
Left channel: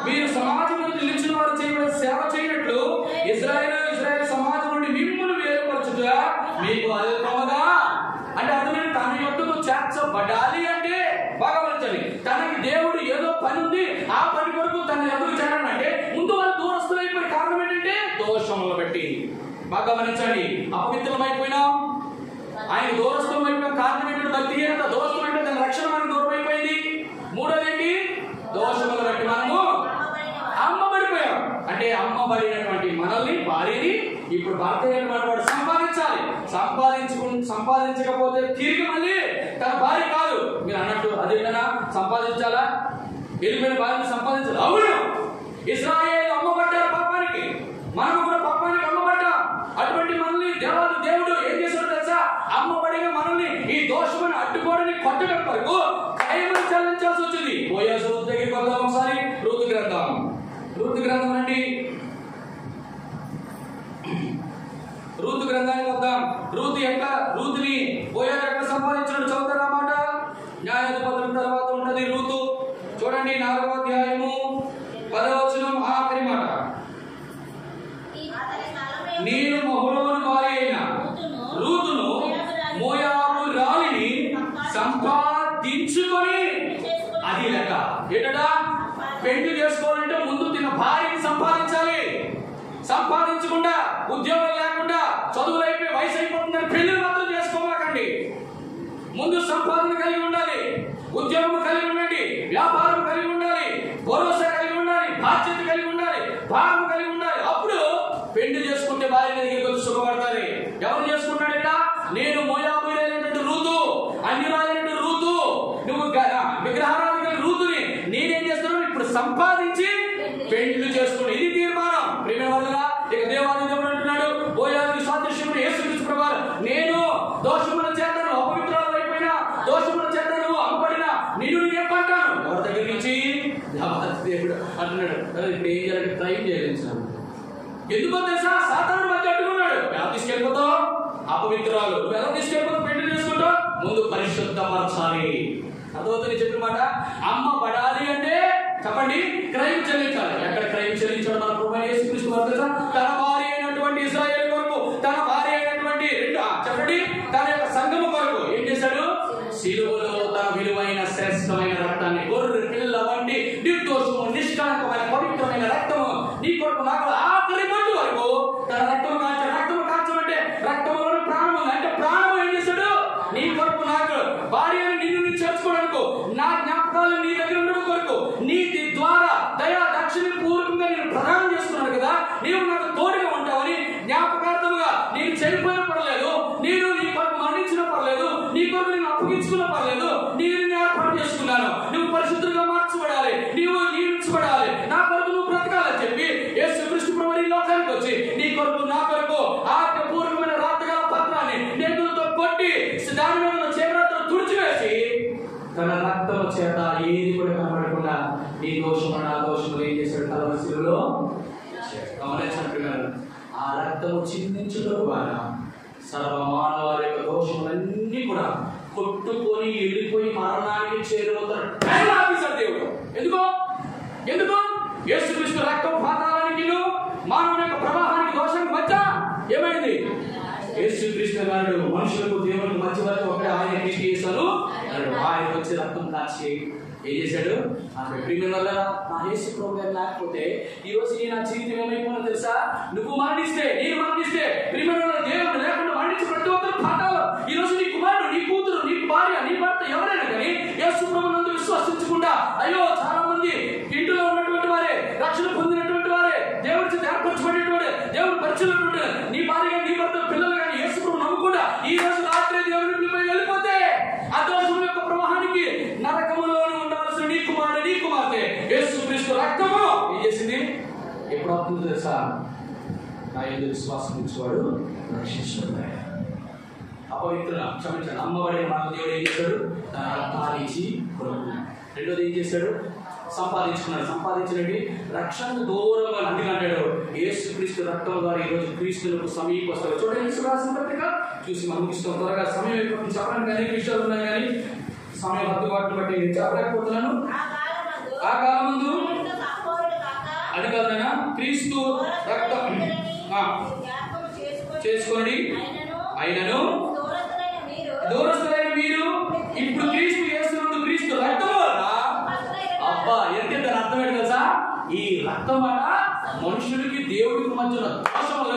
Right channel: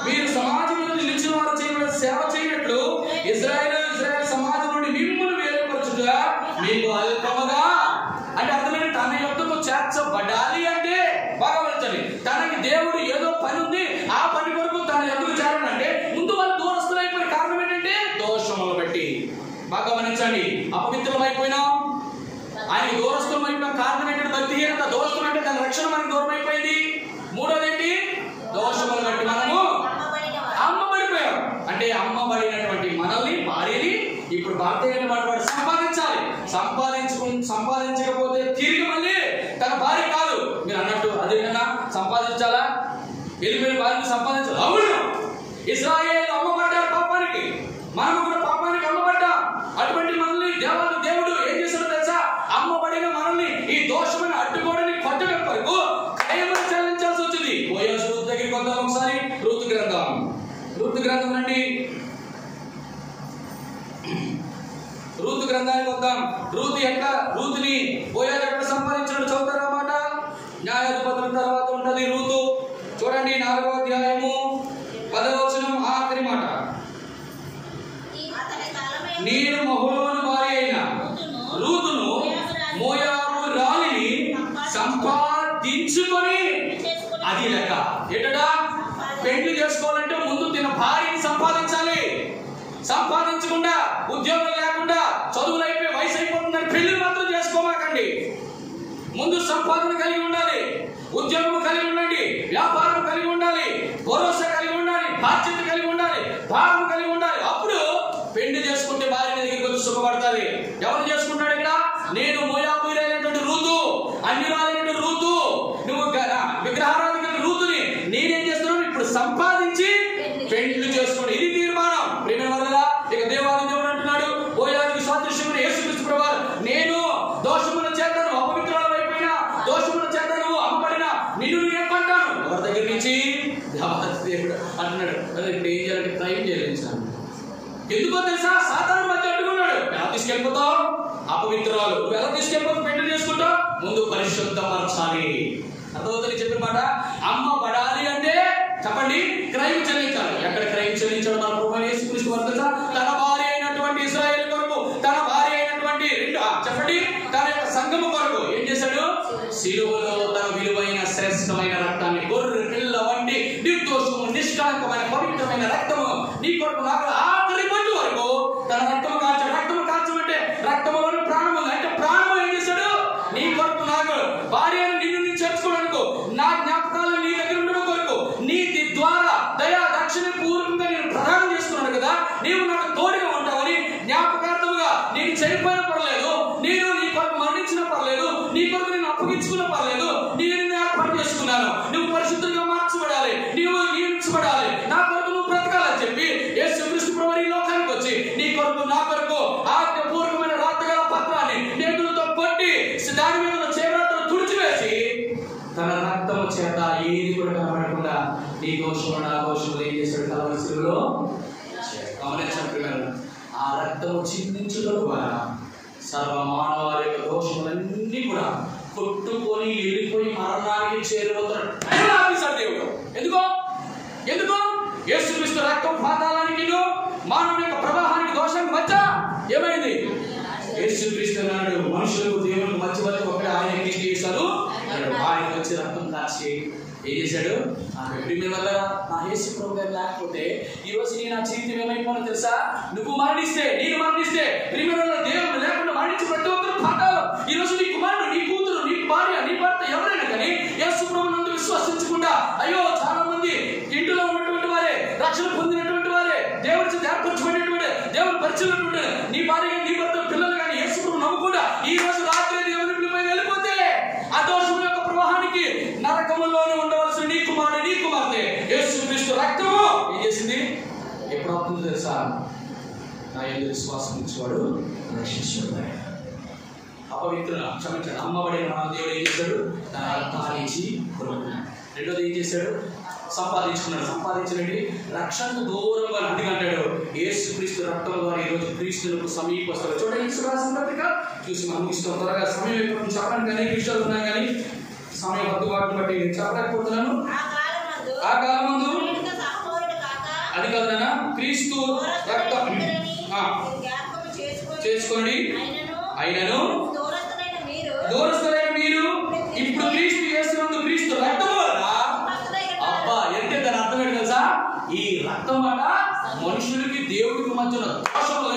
మీరు సమాజం నుండి నిలిచిన వారు చేయబడిన సేవ చేయనట్లు ఇశ్రాయేలు సమాజం నుండి మిమ్మల్ని వేరుపరచుట మీకు అల్పముగా. అంటే అర్థమైన, తన యొద్దకు చేర్చబడాలి అంటే బాగా వెళ్తుంది. తనకి దేవుడు ఏదో పని ఉంది, ఆ పని కొరకు తన యొద్దకు చేరాలంటే ముందు వాళ్ళు దూరస్తులైపోయిన కారణం ఏంటంటే దోషములు బట్టి. బాగా గమనించండి, అపవిత్రులమైపోయినాం, ఆయనకు దూరస్థం అయిపోయిన కారణం ఏంటంటే భక్తిహీనత. దూరస్థం అంటే తన రక్షణ మనకు దూరం అయిపోయింది. మూడోది ఏంటి? దోషములు బట్టి మనము అమ్మబడిపోయాం. అంటే అమ్మబడినటువంటి మనల్ని, భార్యని ఇప్పుడు భర్త అయినటువంటి వాడు సంపాదించాలి. సంపాదించకపోతే తిరిగి మళ్ళీ తన భార్య కాదు. మీరు అన్నట్టు అదేనా సంపాదించాలా? వెళ్ళిపోయిన భార్యను సంపాదించాలి. అవును, ఇశ్రాయేలు అమ్మబడ్డారు పాపానికి, మనము కూడా పాపానికి అమ్మబడ్డాం. అటువంటి మనల్ని దేవుడు ఏం చేశాడో తెలుసా? అమ్మబడిన మనల్ని ఈ దోషమైన అడ్డుకోవడాన్ని కొట్టడం వరకు క్రయమును చెల్లించాల్సి వచ్చింది. బోయాజు దగ్గరికి వద్దాం ఒకసారి. రూతు గ్రంథం రండి, రూతు గ్రంథానికి వద్దాం. రూతుని బోయాజు ఎట్లా సంపాదించాడు చదువుతారన్నమాట. న్యాయాధిపతుల తర్వాత ఉన్నది రూతు. చూడండి 4వ అధ్యాయము 10వ వచనం, ఆఖరి మాట. నేను మహలోను భార్య అయిన రూతును మోయాబు రాలిని సంపాదించుకొని, అది లెక్క ఏంటడా? పెళ్లి చేసుకోవాలంటే ముందు తిన భార్యని సంపాదించాలి. సంపాదించకుండా, ఉద్యోగం లేకుండా, చదువులు అయిపోయి వయసు అయిపోతుందని పెళ్లిని మాత్రం చేసుకోమాకండి. ముందు సంపాదన కలిగి ఉండాలి, ఉద్యోగం కలిగి ఉండండి, వ్యాపారం కలిగి ఉండాలి, భరోసా కలిగి ఉండాలి, బాధ్యత కలిగి ఉండాలి, భారం కలిగి ఉండాలి. అప్పుడు పెళ్లి చేసుకుంటే భార్య దగ్గరికి వచ్చి సుఖపడతారు. ఎవరు చేసుకుంటాడు ఇక్కడ? నేను మోయాబీయులైనటువంటి రూతు, అన్యురాలైనటువంటి రూతు, నువ్వు విగ్రహారాధిక రూతుని నేనేం చేస్తున్నాను? ఇప్పుడు సంపాదించి పెళ్లి చేసుకోండి. ఇది తీర్మానం. ప్రియమైన వారలారా, ఇక దేవాది దేవుడు అంటున్నాడు, బోయాజుకి సాదృశ్యమును యేసుక్రీస్తు ప్రభువారు, నేను దోషముల చేత నువ్వు అపవిత్రురాలు అయిపోయినా, దోషముల చేత నువ్వు అమ్మబడిన నిన్ను నేను పంటాను. ఎవరి దగ్గర నుంచి? దేవుడు అంటున్నాడు. ఇప్పుడు ఏం చేయాలంటే క్రైమ్ చెల్లించాను. ఎందుకో తెలుసా? సాతాను మధ్య అడ్డుకున్నాడు. ఎలా తీసుకెళ్ళిపోతావు? అపవిత్రురాలు నువ్వు ఎలా తీసుకెళ్ళిపోతావు? పెళ్లి చేసుకుంటావు? ముందు పరిశుద్ధపరచాలి. అర్థమవుతుంది చెప్పిన మాట? అమ్మబడాలి అంటే చెప్పండి, క్రైమ్ చెల్లించాలి. ఎక్కడ క్రైమ్ చెల్లించాడు మన ప్రభువైన యేసుక్రీస్తు వారు తెలుసా? తన భార్య అయినటువంటి ఇశ్రాయేలు కొరకు, తన భార్య అయినటువంటి చెప్పండి తన యొక్క సంఘము కొరకు ఏం చేశాడు? సిలువలో తన విలువైన శ్రేష్టమైన రక్తాన్ని, గొర్రె పిల్ల వంటి నిర్దోషము నిష్కలంకమైన పవిత్రమైన రక్తము నీ కొరకు నాకు ఆఖరి బొట్టు వరకు తన రక్తము కాల్చాడు. రక్తము కాల్చమంటే రక్తములోని ప్రాణము ఉంది. అంటే ప్రాణము ఏం చేశాడు? నీ కొరకు నాకు భార్య నిన్ను చేర్చుకోవడానికి, నా జ్ఞాపకాలు నీ దగ్గర ఉండడం కొరకు, నీతి ద్వారా దయా దక్షిణ పూర్వకంగా నేను ప్రదానం చేస్తున్నాను కదా, నీవు నాకు తోడుగా ఉంటావని జ్ఞాపకార్థముగా నేను చనిపోయిన పర్లేదు, నేను నీ కొరకు మరణించిన పర్లేదు, నీ కొరకు నేను అప్పగించుకున్న పర్లేదు, నేను ఏర్పాటు చేసుకున్నాను. నువ్వు పరిశుద్ధంగా మార్చబడాలి, నీవు నియమించబడాలి, నా కొరకు నువ్వు బ్రతకాలని చెప్పి యేసుక్రీస్తు ప్రభువు ఈ లోకానికి వచ్చి నీ కొరకు నా కొరకు ఆజ్ఞాపూర్వకమైన రాతగల పత్రాన్ని నేతులతో కొట్టి దాని మీద చేపలతో తుడిచివేసి తన రక్తము చేత ఏది కూడా కనబడకుండా నీ దోషము నా దోషములు ఏం చేశాడు? కలవరి శిలువలో గమనించారు. ఆ రక్తము చిందించడం ద్వారా సర్వమానవారి యొక్క దోషములన్నీ కూడా కొట్టుకొని వెళ్ళిపోయి మరణానికి చేరువవుతాడు. ఆపేశాడు దేవుడు. ఎందుకు? యేసుక్రీస్తు రక్తం పాతాళానికి మానవుని యొక్క ప్రవాహానికి దోషానికి మధ్య ఏమైంది? యేసుక్రీస్తు అన్నాడు, మనుషులకు దేవునికి మధ్య వరకు ఒకటి ఆయన క్రీస్తు చేశాను అన్నాడు. ఆయన వచ్చి రక్తం కాచి ఏం చేశాడు? ప్రియమైన వల్ల నా యేసు ప్రభు గారు లేకపోతే ఈ రోజు నా జీవితం ఏమైపోయినా తెలుసా? నువ్వు మరణిస్తే, నేను మరణిస్తే, ప్రియమైన వల్ల దేవుడు లేకుండా మరణించి ప్రతి ఒక్కరు పాఠాలు. ఈ రోజు నీ కుమారుడు, నీ కూతురు, నీ భార్య, నీ భర్త ఎవరైనా కానీ యేసు ప్రభు నందు విశ్వసించకుండా, అయ్యో చాలా మంది ఇంటిలో ఉన్నటువంటి రక్షణ పొందినటువంటి వారే, దేవుడి చేత ఏర్పరచబడినటువంటి దేవుడు పరిచయటువంటి నీ భార్య నీ భర్త పిల్లలు కానీ యేసు ప్రభువు నమ్మకుండా ఈ రోజు రాత్రి దేవుని పిలిపోయి వెళ్ళిపోతే ఆ దోషముల యొక్క ప్రవాహానికి నరకములోనే ఉండవలసిన నీ కుమారుడు నీ కుమార్తె యేసుక్రీస్తు రక్తము ఏం చేసింది? ఎప్పుడు అవుతుందో తెలుసా? నా యందు విశ్వాసం ఇచ్చేవాడు రక్షించబడ్డాడు. అపవిత్రుల క్షమించాడు. అమ్మబడిన మన దేవుడు ఏం చేశాడు? తన రక్తాన్ని ఇచ్చి కొనుక్కున్నాడు. రెండోది ఏం చేశాడు? సంపాదించుకున్నాడు. సంపాదించినది రక్షణకు దూరంగా అందుకంటాడు యేసుక్రీస్తు రక్తం ద్వారా ఈరోజు క్రీస్తులకు సమీపస్తారు. చూడండి యేసురాసిన పత్రిక చూసి మనం ముగిస్తాం. త్వరగా సమయం అయిపోతుంది. చెప్పడానికి అనేక విషయాలు ఉన్నాయి కానీ సమయం హద్దుబాటును బట్టి నేను చెప్పలేకపోతున్నాను. ఆ కాలమందు అది కాదు నాన్న, క్రీస్తు రక్తం చేసుకొని అయినను దూరస్తులైన మీరు ఇప్పుడు క్రీస్తు యేసునందు క్రీస్తు రక్తం వల్ల అబ్బా ఎంత దాని అర్థం ఏంటి తెలుసా? ఈ రక్తం వల్ల మనుషులకి దేవుడికి మధ్యన దోషములు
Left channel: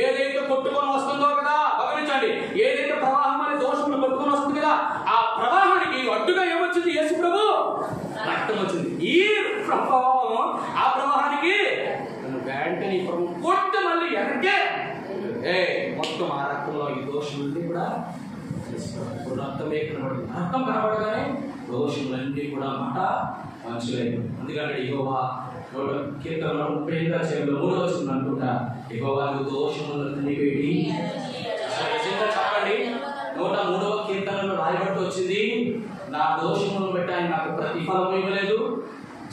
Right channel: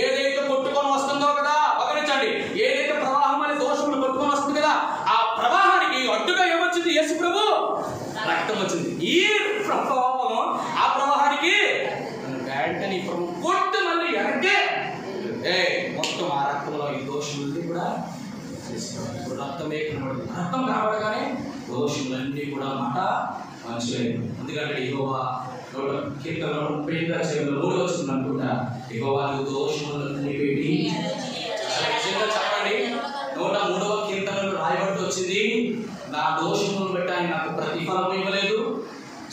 ఏదైతే కొట్టుకొని వస్తుందో కదా, గమనించండి, ఏదైతే ప్రవాహం అనే దోషములు కొట్టుకొని వస్తుంది కదా, ఆ ప్రవాహానికి అడ్డుగా ఏమొచ్చింది? యేసు ప్రభు రక్తం వచ్చింది. ఈ ప్రవాహం ఆ ప్రవాహానికి వెంటనే కొట్టు మళ్ళీ వెనకే మొత్తం ఆ రక్తంలో ఈ దోషములన్నీ కూడా ఇప్పుడు రక్తమే కనబడుతుంది. రక్తం కనబడగానే దోషములన్నీ కూడా మాట మంచిలేదు. అందుకంటే యెహోవా కీర్తనలో 38 వచ్చింది అనుకుంటా, యెహోవా దోషములను కనిపెట్టి అసలు నిజంగా చెప్పండి 103వ కీర్తనలో రాయబడి వచ్చింది, నా దోషములను బట్టి ఆయన నాకు ప్రతిఫలం ఇవ్వలేదు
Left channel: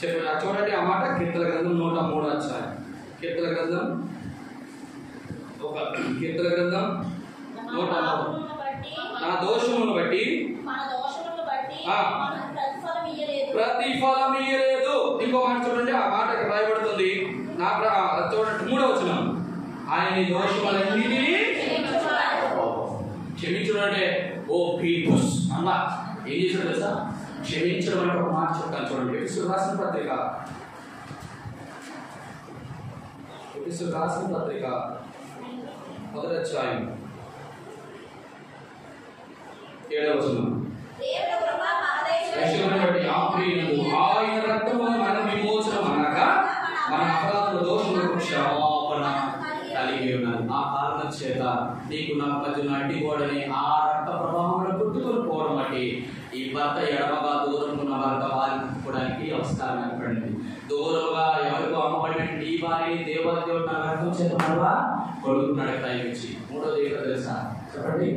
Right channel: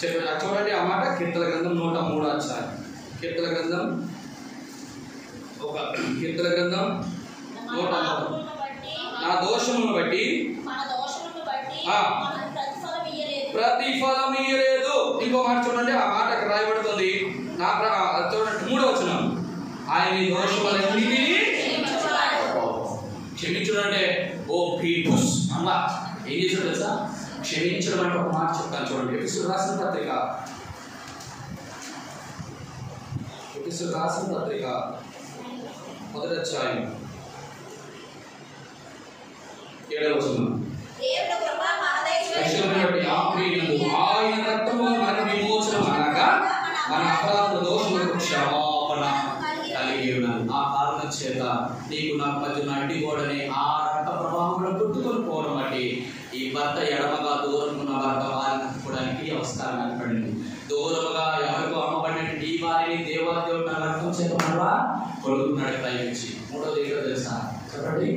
చెప్పి. చూడండి ఆ మాట కీర్తన గ్రంథం 103 అధ్యాయం. కీర్తన గ్రంథం 103 నా దోషములను బట్టి ప్రతిఫలం ఇయ్యలేదు. ఇంకో మాట చూడండి, ఆ మాట అక్కడ రాయబడుతుంది. చూడండి 3వ వచనం, ఆయన దోషములన్నిటినీ క్షమించడం అంటే ఓ పీపుస్ అమ్మా ఏం చేసాడు తెలుసా? క్షమించడం అంటే ఒక మాట చెప్తాను చూడండి. ఎఫెసీయులకు రాసిన పత్రిక 1వ అధ్యాయం 7వ వచనం, ఆయన రక్తము మనకు విమోచనం అనగా మన అపరాధ దోషములకు క్షమాపణ కలిగి ఉన్నాను. ఆ కారణం చేత నీకు నాకు మధ్య అడ్డిగోడని ఆ రక్త ప్రభావంలో పుట్టుకొని పోవడం బట్టి ఈ భర్త ఎడమగా దూరమున్న భర్త వారిని అందుకోవడానికి అవసరం ఏర్పడింది. దూరముగా ఎవరికో అమ్మబడినటువంటి ఈ వారిని దేవాదేవుడు నా రక్తం చేత మరలా కొడుకున్నాడు ప్రయోగించి. 3వది ఏంటో తెలుసా? చెప్పండి.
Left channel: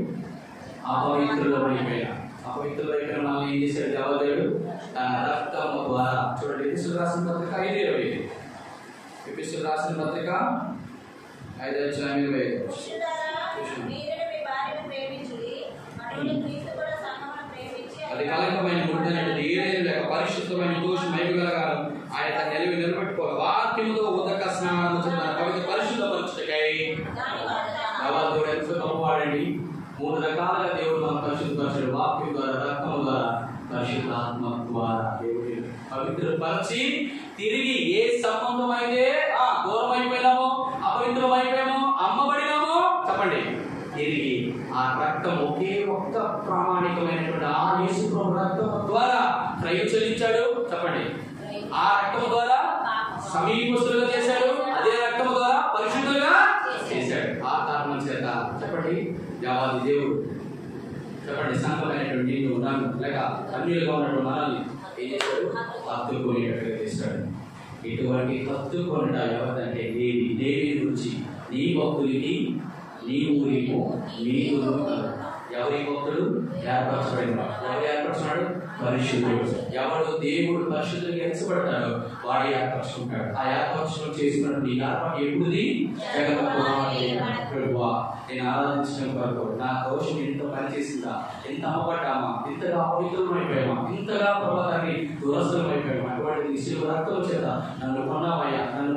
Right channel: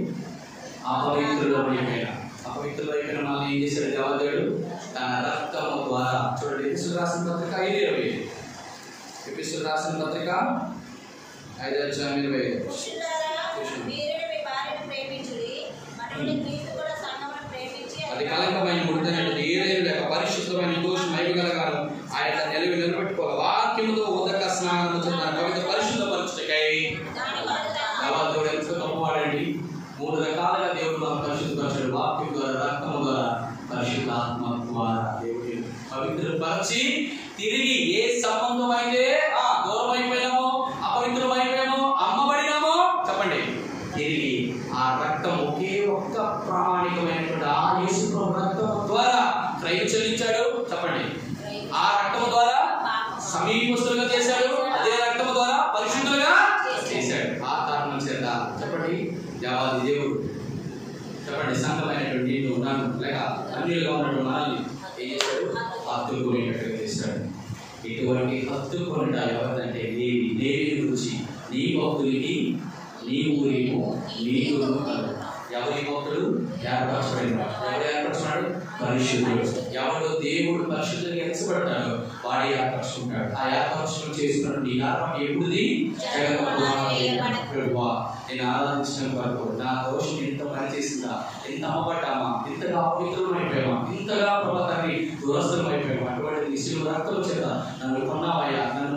అపవిత్రులు అయిపోయిన మనల్ని ఏం చేశాడు దేవాదేవుడు? తన రక్తము ద్వారా. చూడండి ఎఫెసీయులకు రాసిన పత్రిక 5:20. ఎఫెసీయులకు రాసిన పత్రిక 5:25. అది కలంకమైన ముడిదనేది ఏదైనా లేక పరిశుద్ధమైన దోషం మైగలగాను ఆయన తన నిలబెట్టుకోవాలి. వాక్యముతో ఉదక స్నానము తన పవిత్ర పరిశుద్ధ పరిస్థితికై దేవాదేవుడు ఎంతో గొప్పవాడండి. 3 రకాలుగా దేవుడు మనం పరిశుద్ధపరిచాడు. వాక్యం ద్వారా, రక్తము ద్వారా, పరిశుద్ధాత్మ ద్వారా దేవుడిని పవిత్రపరిచి తిరిగి ఏ సంబంధం అయితే దూరం అయిపోయినామో, అపవిత్రం అయిపోయామో, అమ్మబడినామో చెప్పండి, తిరిగి ఆ రక్తం ఒకే ఒక్క ప్రామాణికమైనటువంటి ఆ యేసు ప్రభు రక్తము ద్వారా క్రయం చెల్లించాడు. చెప్పండి. ఆ రక్తము ద్వారా సమీపస్తులుగా చేశాడు. అదే రక్తము ద్వారా పరిశుద్ధులుగా చేశాడు. ఆ కారణం చేత చెప్పండి దేవాది దేవుడు చెప్పండి సంఘమైనటువంటి నిన్ను నన్ను లేక అన్యులుగా ఉన్నటువంటి మనల్ని ఏం చేశాడు? హత్తుకునేటట్టుగా చేశాడు. ఇటువంటి హత్తుకొనట ఎవరిదంటే దేవి గురించి నీ భక్తులకి నీ ఊరికు నీకు ఎవరి భక్తుడు ఏర్పరచబడిన ఎవరు ఏర్పరచున్నాడు? పరిశుద్ధుడు. ఎవడు దేవుడు పరిశుద్ధులకు ఎంచబడతాడో వాడే ఏర్పరచుకుంటాడు. ఆ ఏర్పరచడం చేసినట్టు నీ ఏర్పాటు ఎప్పుడుది? ప్రభువా నేను ఆరాధించడం వరకు నా దోషం ఎంత పనిచేసిందా, ఎంత అమ్మబడ్డామా, ఇంతగా అపవిత్రం అయిపోయామా, ఇంతగా ప్రభుత్వాన్ని దురస్థలం అయిపోయామా, అటువంటి శిలువ రక్తం చేత నన్ను కొన్నావయ్యా, నన్ను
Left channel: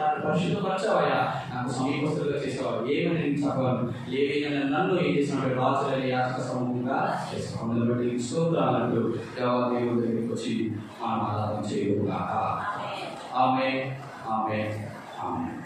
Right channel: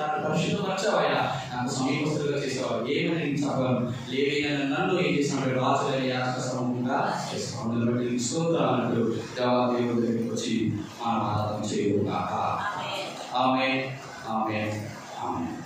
నన్ను పరిశుద్ధపరచావయ్యా, నాకు సమీపస్తులుగా చేసేవాడు. ఏమని నేను చెప్పగలను? లేవైనా నన్ను ఏం చేసినట్టు రాజులని యాత్ర సమూహంగా చేస్తాను. అందులో బట్టి స్తోత్రాలు దేవాదేవుని దగ్గరికి వచ్చి మనం ఆరాధన చేయు గాక. ఆమేన్, ఆమేన్, ఆమేన్.